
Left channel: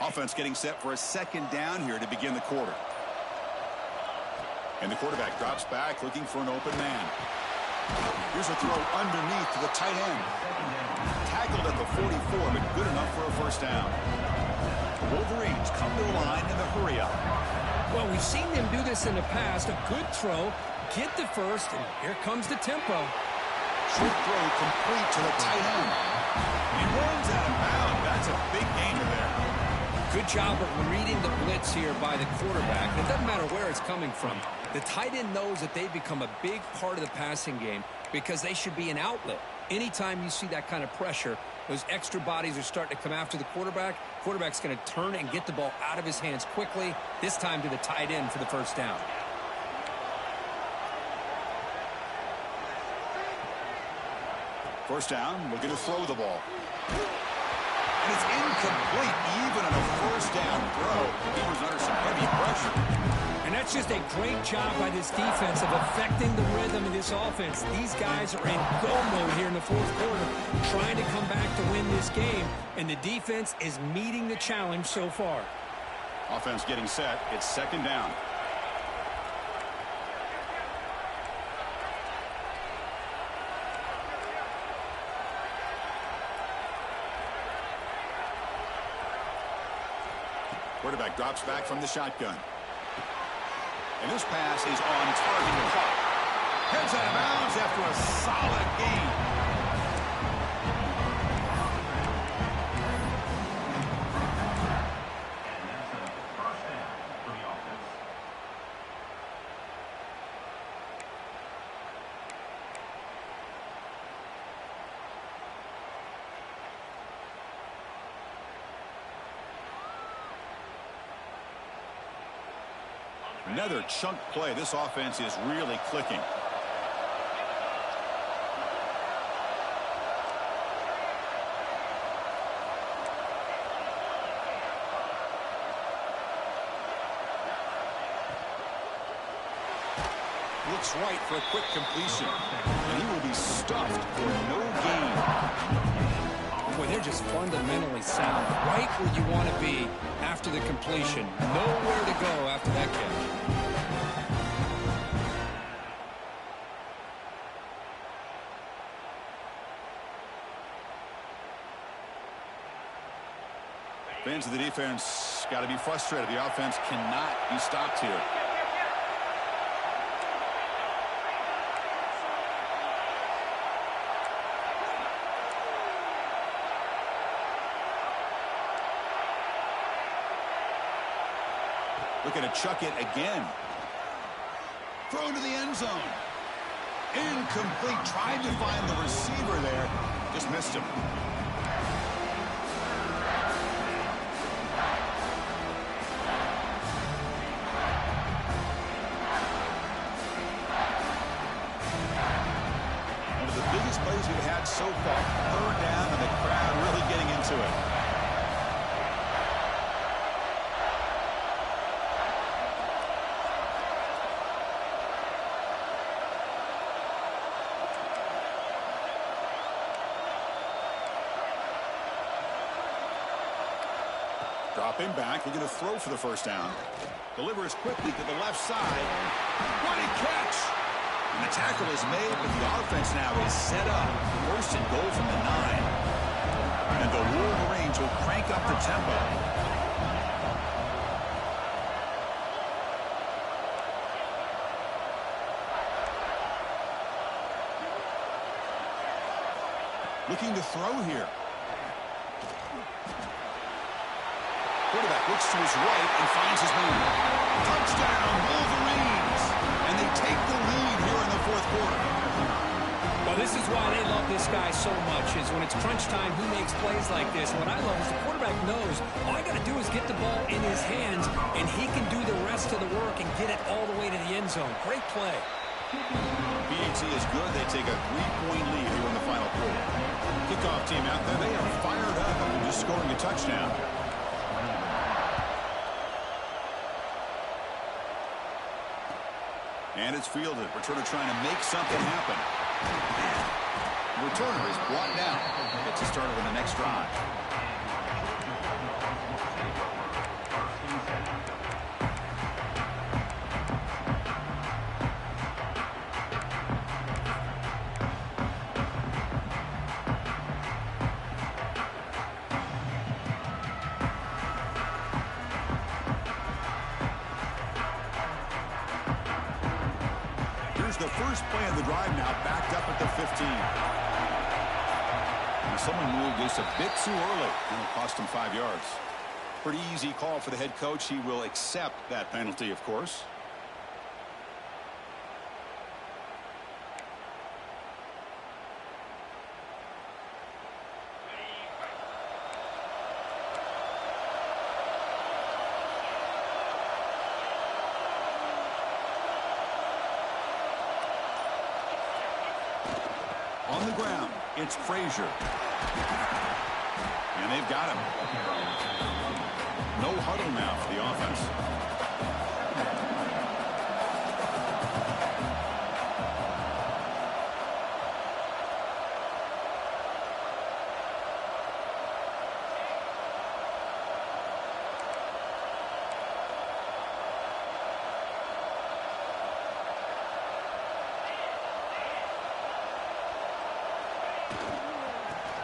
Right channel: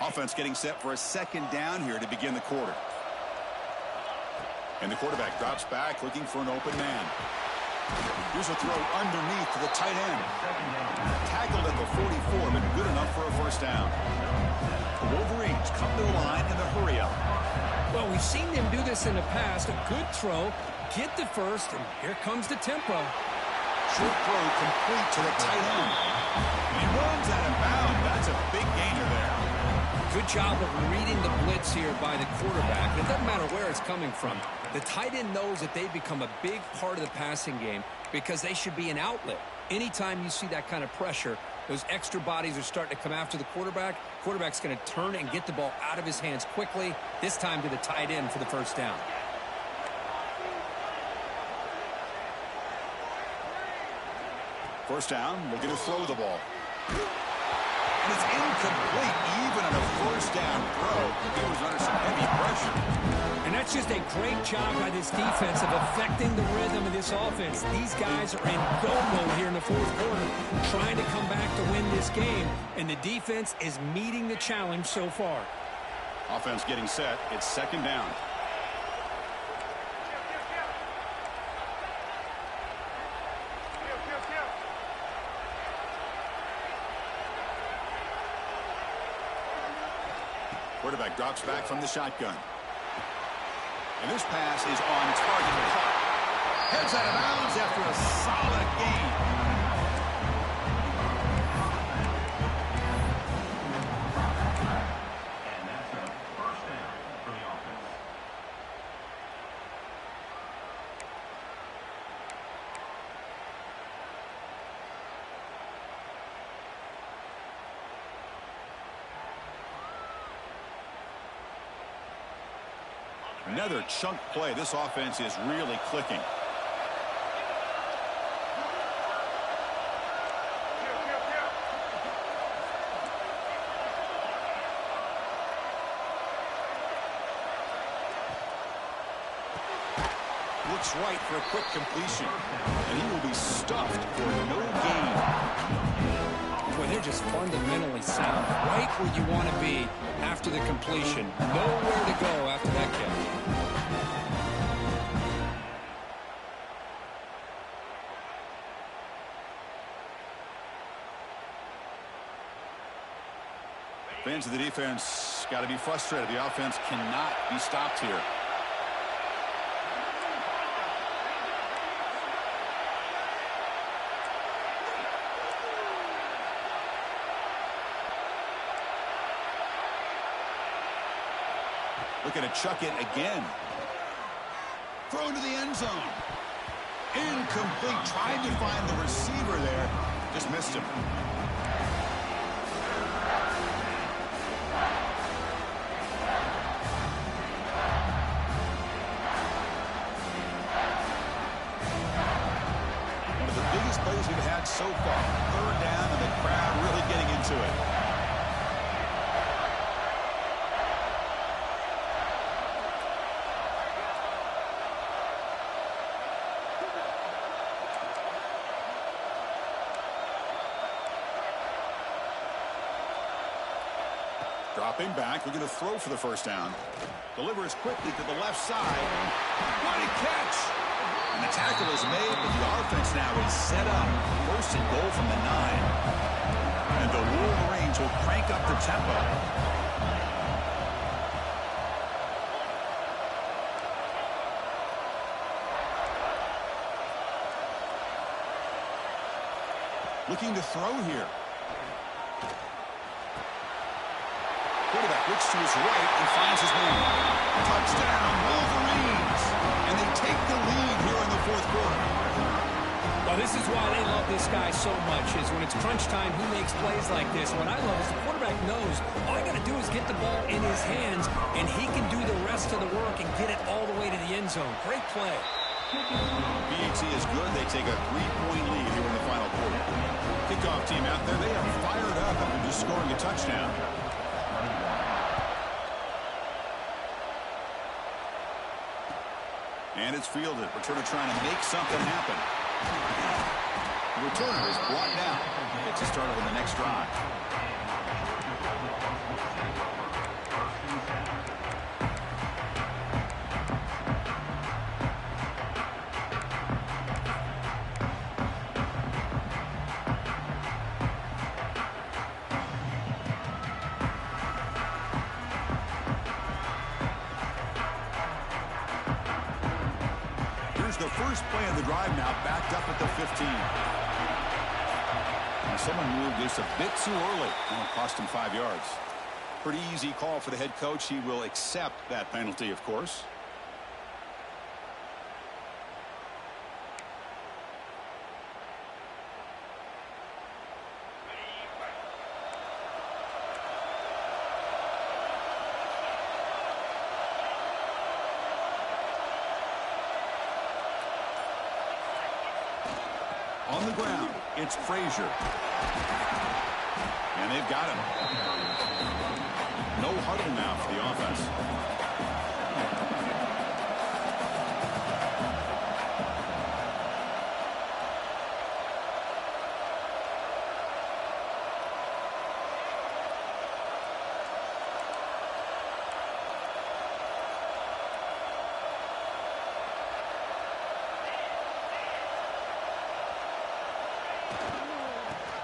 Offense getting set for a 2nd down here to begin the quarter. And the quarterback drops back looking for an open man. Here's a throw underneath to the tight end. Tackled at the 44, but good enough for a first down. The Wolverines come to the line in the hurry-up. Well, we've seen them do this in the past. A good throw, get the first, and here comes the tempo. Short throw complete to the tight end. And he runs out of bounds. That's a big gainer there. Good job of reading the blitz here by the quarterback. And it doesn't matter where it's coming from. The tight end knows that they've become a big part of the passing game because they should be an outlet. Anytime you see that kind of pressure, those extra bodies are starting to come after the quarterback. Quarterback's going to turn and get the ball out of his hands quickly, this time to the tight end for the first down. First down, looking to throw the ball. And it's incomplete, even on a first down throw. He was under some heavy pressure. And that's just a great job by this defense of affecting the rhythm of this offense. These guys are in go mode here in the 4th quarter, trying to come back to win this game, and the defense is meeting the challenge so far. Offense getting set. It's 2nd down. Quarterback drops back from the shotgun. And this pass is on target and caught. Heads out of bounds after a solid gain. And that's a first down for the offense. Another chunk play. This offense is really clicking. Looks right for a quick completion. And he will be stuffed for no gain. Boy, they're just fundamentally sound. Right where you want to be after the completion. Nowhere to go after that catch. Fans of the defense got to be frustrated. The offense cannot be stopped here. Looking to chuck it again. Throw to the end zone. Incomplete. Tried to find the receiver there. Just missed him. One of the biggest plays we've had so far. Third down and the crowd really getting into it. Dropping back, looking to throw for the first down. Delivers quickly to the left side. What a catch! And the tackle is made, but the offense now is set up. First and goal from the 9. And the Wolverines will crank up the tempo. Looking to throw here. Quarterback looks to his right and finds his man. Touchdown, Wolverines! And they take the lead here in the fourth quarter. Well, this is why they love this guy so much, is when it's crunch time, he makes plays like this. What I love is the quarterback knows all I got to do is get the ball in his hands, and he can do the rest of the work and get it all the way to the end zone. Great play. BAT is good. They take a 3-point lead here in the final quarter. Kickoff team out there, they are fired up after just scoring a touchdown. And it's fielded. Returner trying to make something happen. The returner is brought down. Gets us started with the next drive. The first play of the drive now backed up at the 15. Now someone moved this a bit too early. That'll cost him 5 yards. Pretty easy call for the head coach. He will accept that penalty, of course. On the ground, it's Frazier. And they've got him. No huddle now for the offense.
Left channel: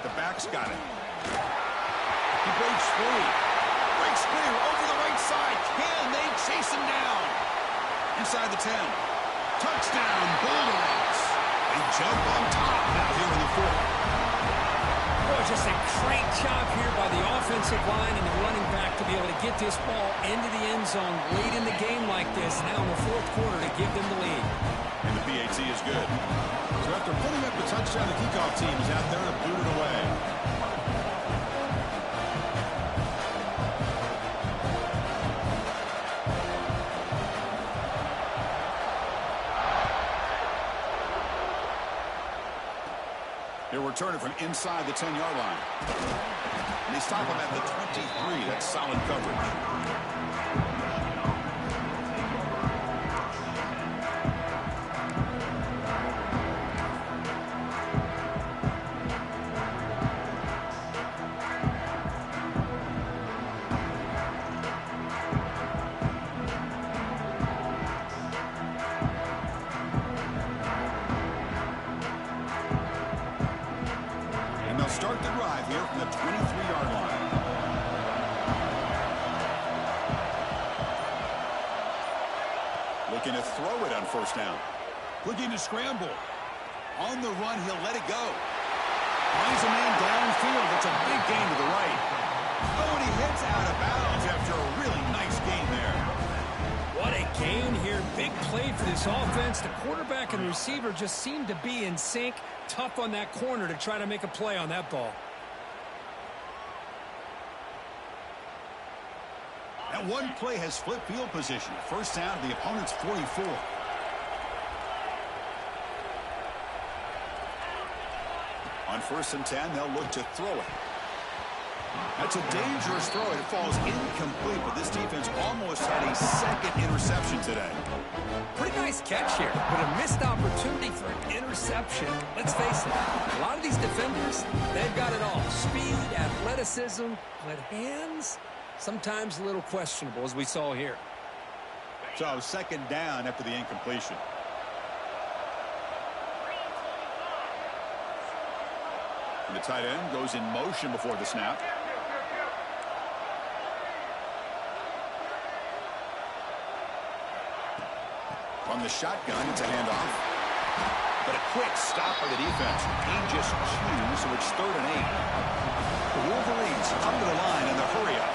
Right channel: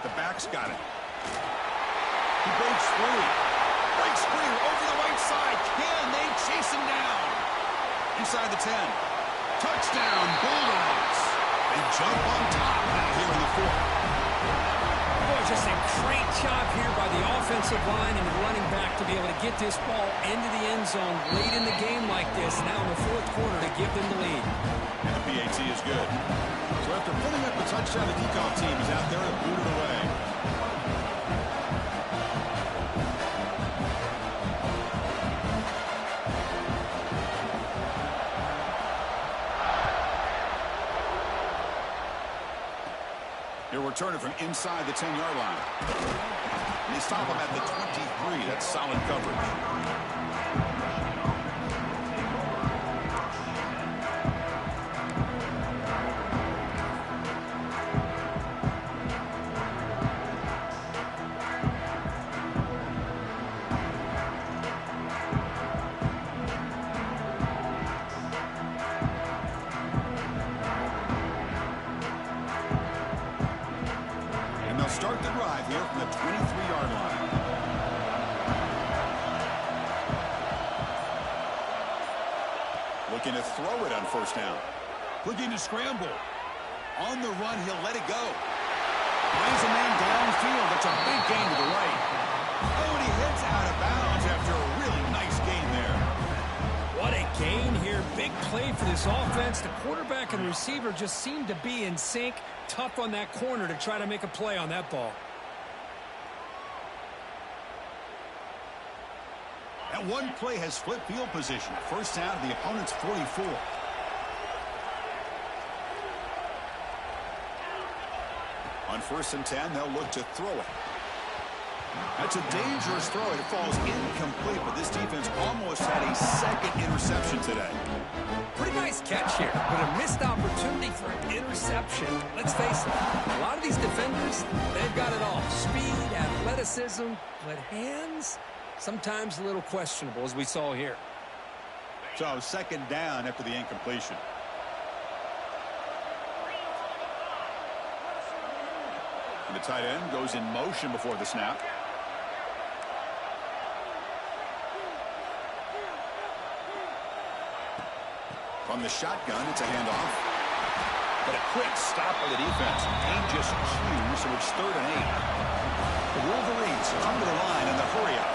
The back's got it. He breaks free. Breaks clear over the right side. Can they chase him down? Inside the 10. Touchdown, Bulldogs. They jump on top now here in the fourth. Boy, just a great job here by the offensive line and the running back to be able to get this ball into the end zone late in the game like this, now in the fourth quarter, to give them the lead. And the PAT is good. So after putting up a touchdown, the kickoff team is out there to boot it away. He'll return it from inside the 10-yard line. And they stop him at the 23. That's solid coverage. the 23-yard line. Looking to throw it on first down. Looking to scramble. On the run, he'll let it go. Finds a man downfield. That's a big gain to the right. Oh, and he heads out of bounds after a really nice gain there. What a gain here. Big play for this offense. The quarterback and receiver just seemed to be in sync. Tough on that corner to try to make a play on that ball. That one play has flipped field position. First down to the opponent's 44. On 1st and 10, they'll look to throw it. That's a dangerous throw. It falls incomplete, but this defense almost had a second interception today. Pretty nice catch here, but a missed opportunity for an interception. Let's face it, a lot of these defenders, they've got it all. Speed, athleticism, but hands, sometimes a little questionable, as we saw here. So, second down after the incompletion. And the tight end goes in motion before the snap. From the shotgun, it's a handoff. But a quick stop by the defense. Gain just 2, so it's 3rd and 8. The Wolverines come to the line in the hurry-up.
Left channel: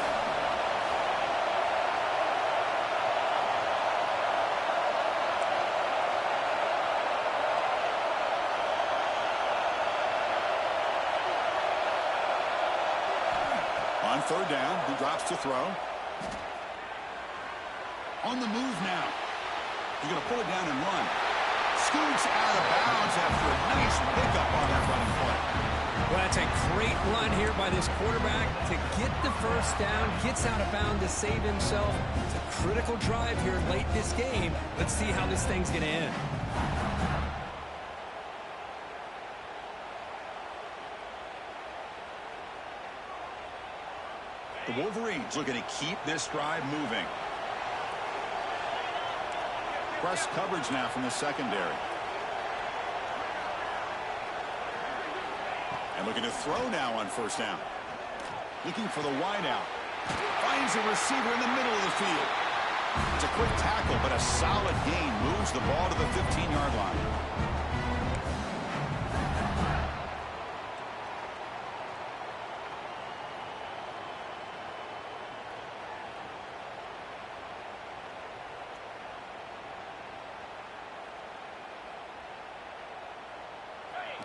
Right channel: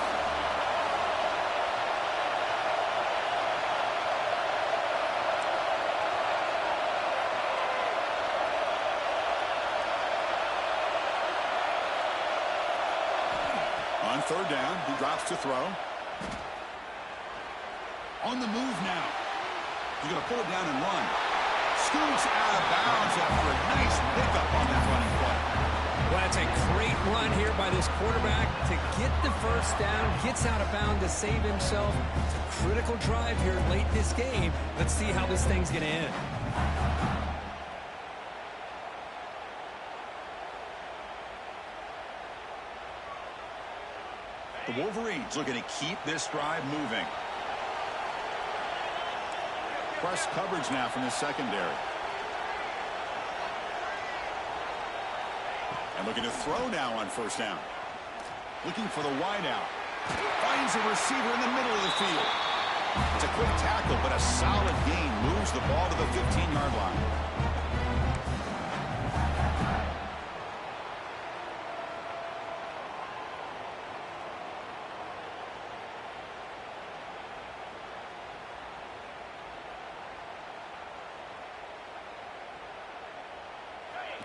On 3rd down, he drops to throw. On the move now. He's going to pull it down and run. Scoots out of bounds after a nice pickup on that running play. Well, that's a great run here by this quarterback to get the first down. Gets out of bounds to save himself. It's a critical drive here late in this game. Let's see how this thing's going to end. The Wolverines looking to keep this drive moving. Press coverage now from the secondary. And looking to throw now on 1st down. Looking for the wideout. Finds a receiver in the middle of the field. It's a quick tackle, but a solid gain moves the ball to the 15-yard line.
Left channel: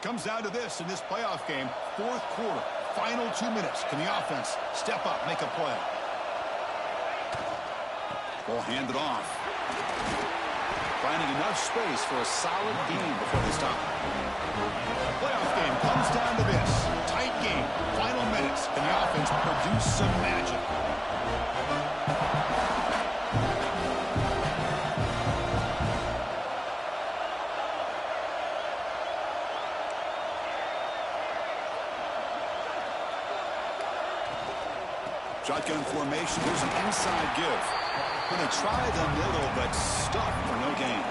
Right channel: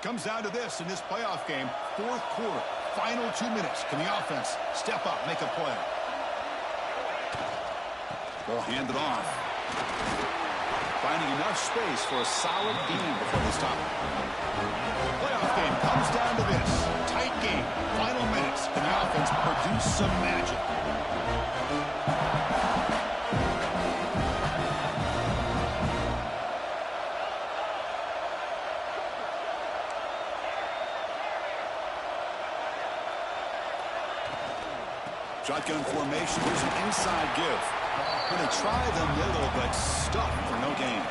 Comes down to this in this playoff game. 4th quarter, final 2 minutes. Can the offense step up, make a play? Ball handed off. Finding enough space for a solid gain before they stop. The playoff game comes down to this. Tight game, final minutes. Can the offense produce some magic? Shotgun formation. Here's an inside give. Going to try the middle, but stuck for no gain.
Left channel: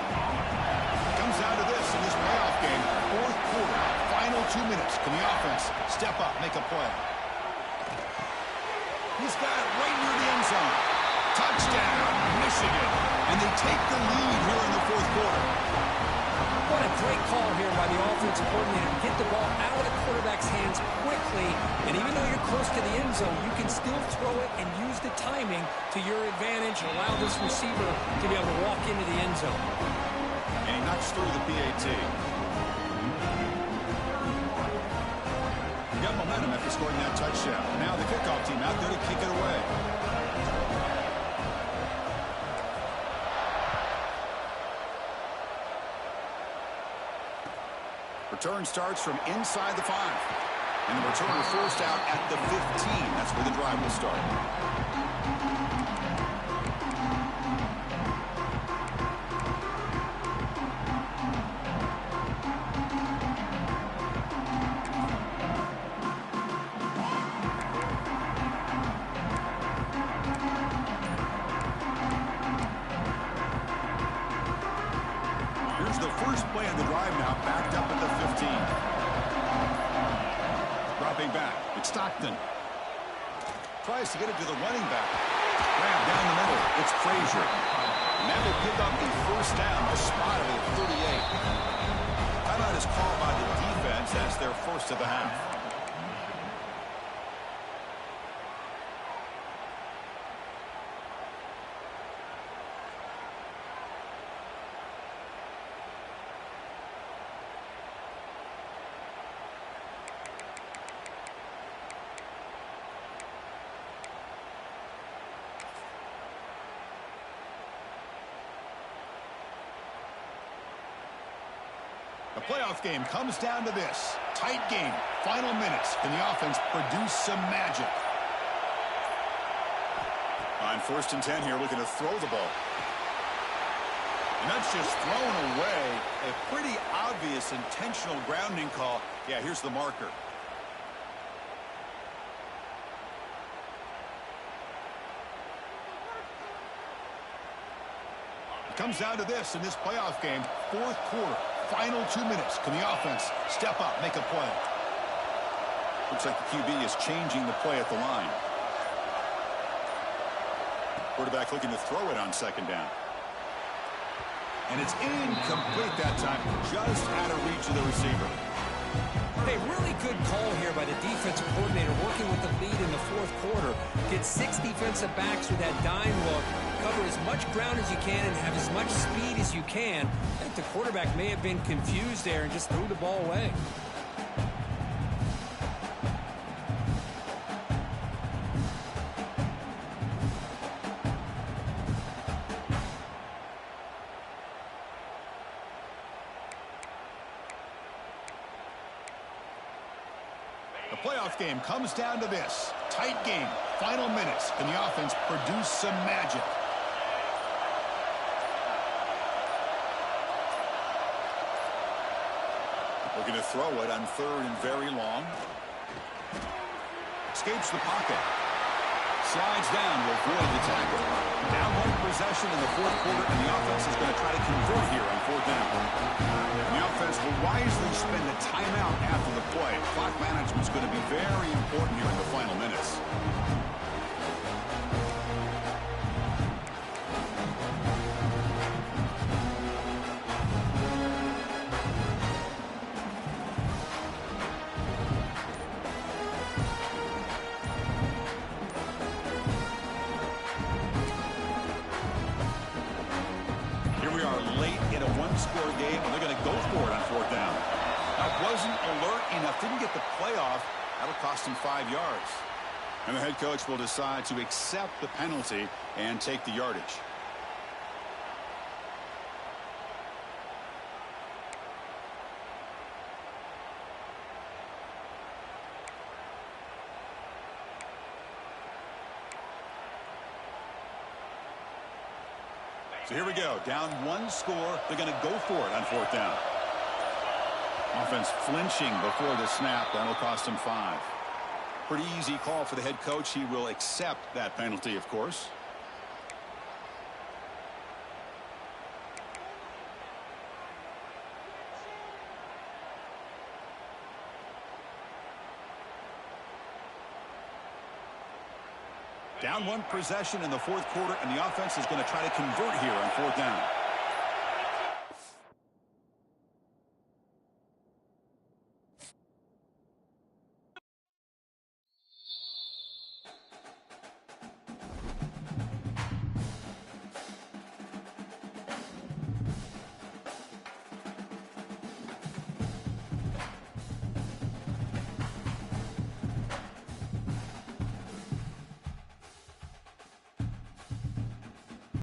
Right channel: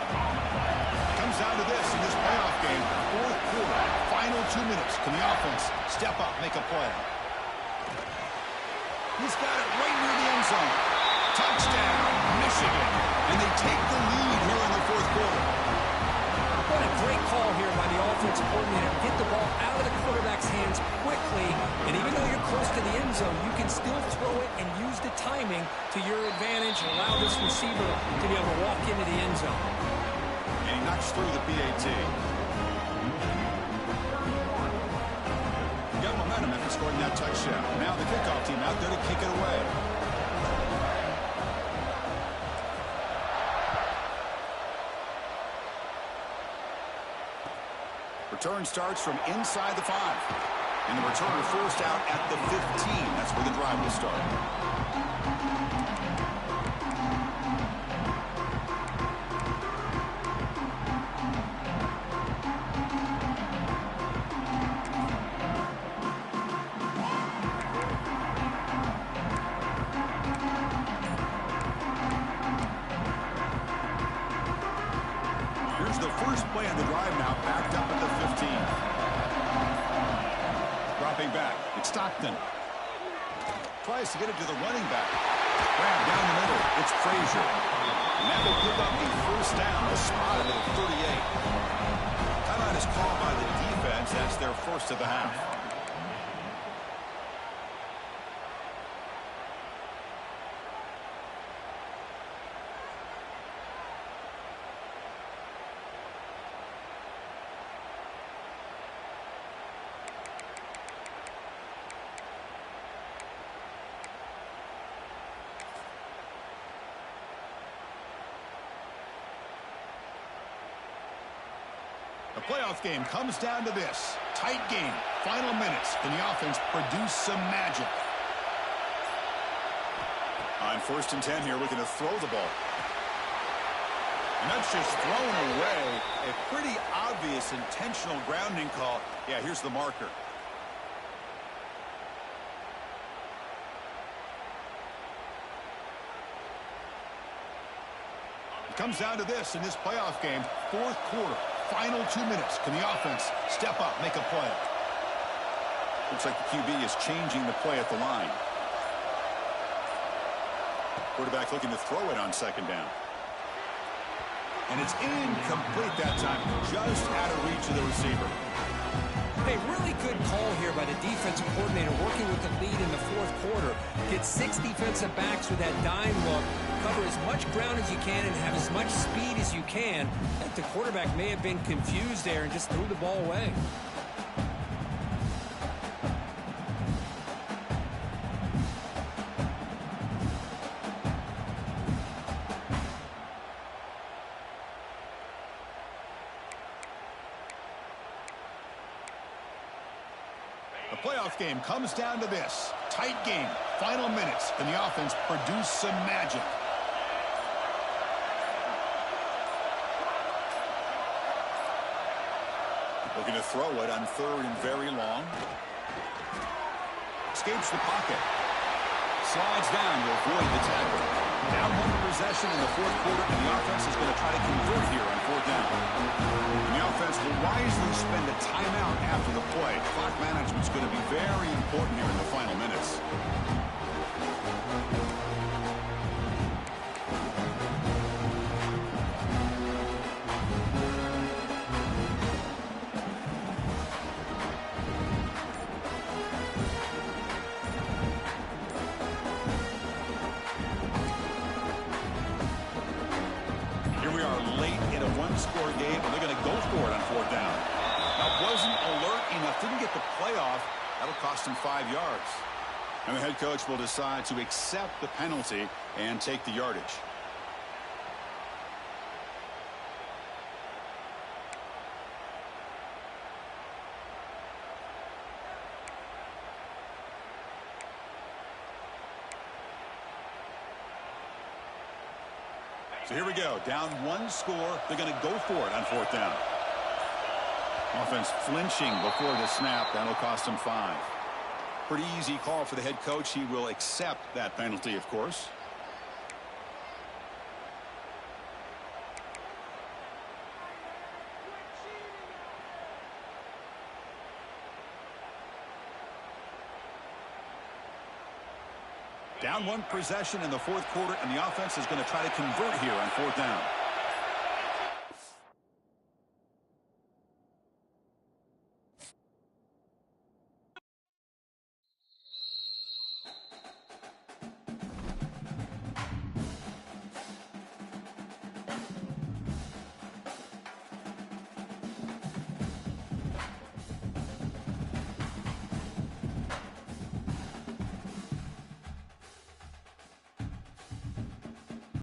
Comes down to this in this playoff game. 4th quarter, final 2 minutes. Can the offense step up, make a play? He's got it right near the end zone. Touchdown, Michigan. And they take the lead here in the 4th quarter. What a great call here by the offensive coordinator to get the ball out of the quarterback's hands quickly. And even though you're close to the end zone, you can still throw it and use the timing to your advantage and allow this receiver to be able to walk into the end zone. And he knocks through the PAT. He got momentum after scoring that touchdown. Now the kickoff team out there to kick it away. Return starts from inside the 5. And the returner forced out at the 15. That's where the drive will start. Here's the first play of the drive now, backed up at the 15. Dropping back. It's Stockton. Tries to get it to the running back. Grab down the middle. It's Frazier. And that will pick up a first down. A spot of it at 38. Timeout is called by the defense. That's their first of the half. The playoff game comes down to this. Tight game. Final minutes. Can the offense produce some magic? On 1st and 10 here, looking to throw the ball. And that's just thrown away. A pretty obvious intentional grounding call. Yeah, here's the marker. It comes down to this in this playoff game. 4th quarter. Final 2 minutes. Can the offense step up, make a play? Looks like the QB is changing the play at the line. Quarterback looking to throw it on 2nd down. And it's incomplete that time. Just out of reach of the receiver. Hey, really good call here by the defensive coordinator working with the lead in the 4th quarter. Get 6 defensive backs with that dime look. Cover as much ground as you can and have as much speed as you can. I think the quarterback may have been confused there and just threw the ball away. The playoff game comes down to this. Tight game. Final minutes. Can the offense produce some magic? Looking to throw it on 3rd and very long. Escapes the pocket. Slides down to avoid the tackle. Down 1 possession in the 4th quarter, and the offense is going to try to convert here on 4th down. And the offense will wisely spend a timeout after the play. Clock management is going to be very important here in the final minutes. Late in a 1-score game, and they're going to go for it on 4th down. Now, wasn't alert enough, didn't get the playoff. That'll cost him 5 yards. And the head coach will decide to accept the penalty and take the yardage. So here we go. Down 1 score. They're going to go for it on 4th down. Offense flinching before the snap. That'll cost him 5. Pretty easy call for the head coach. He will accept that penalty, of course. Down 1 possession in the 4th quarter, and the offense is going to try to convert here on 4th down.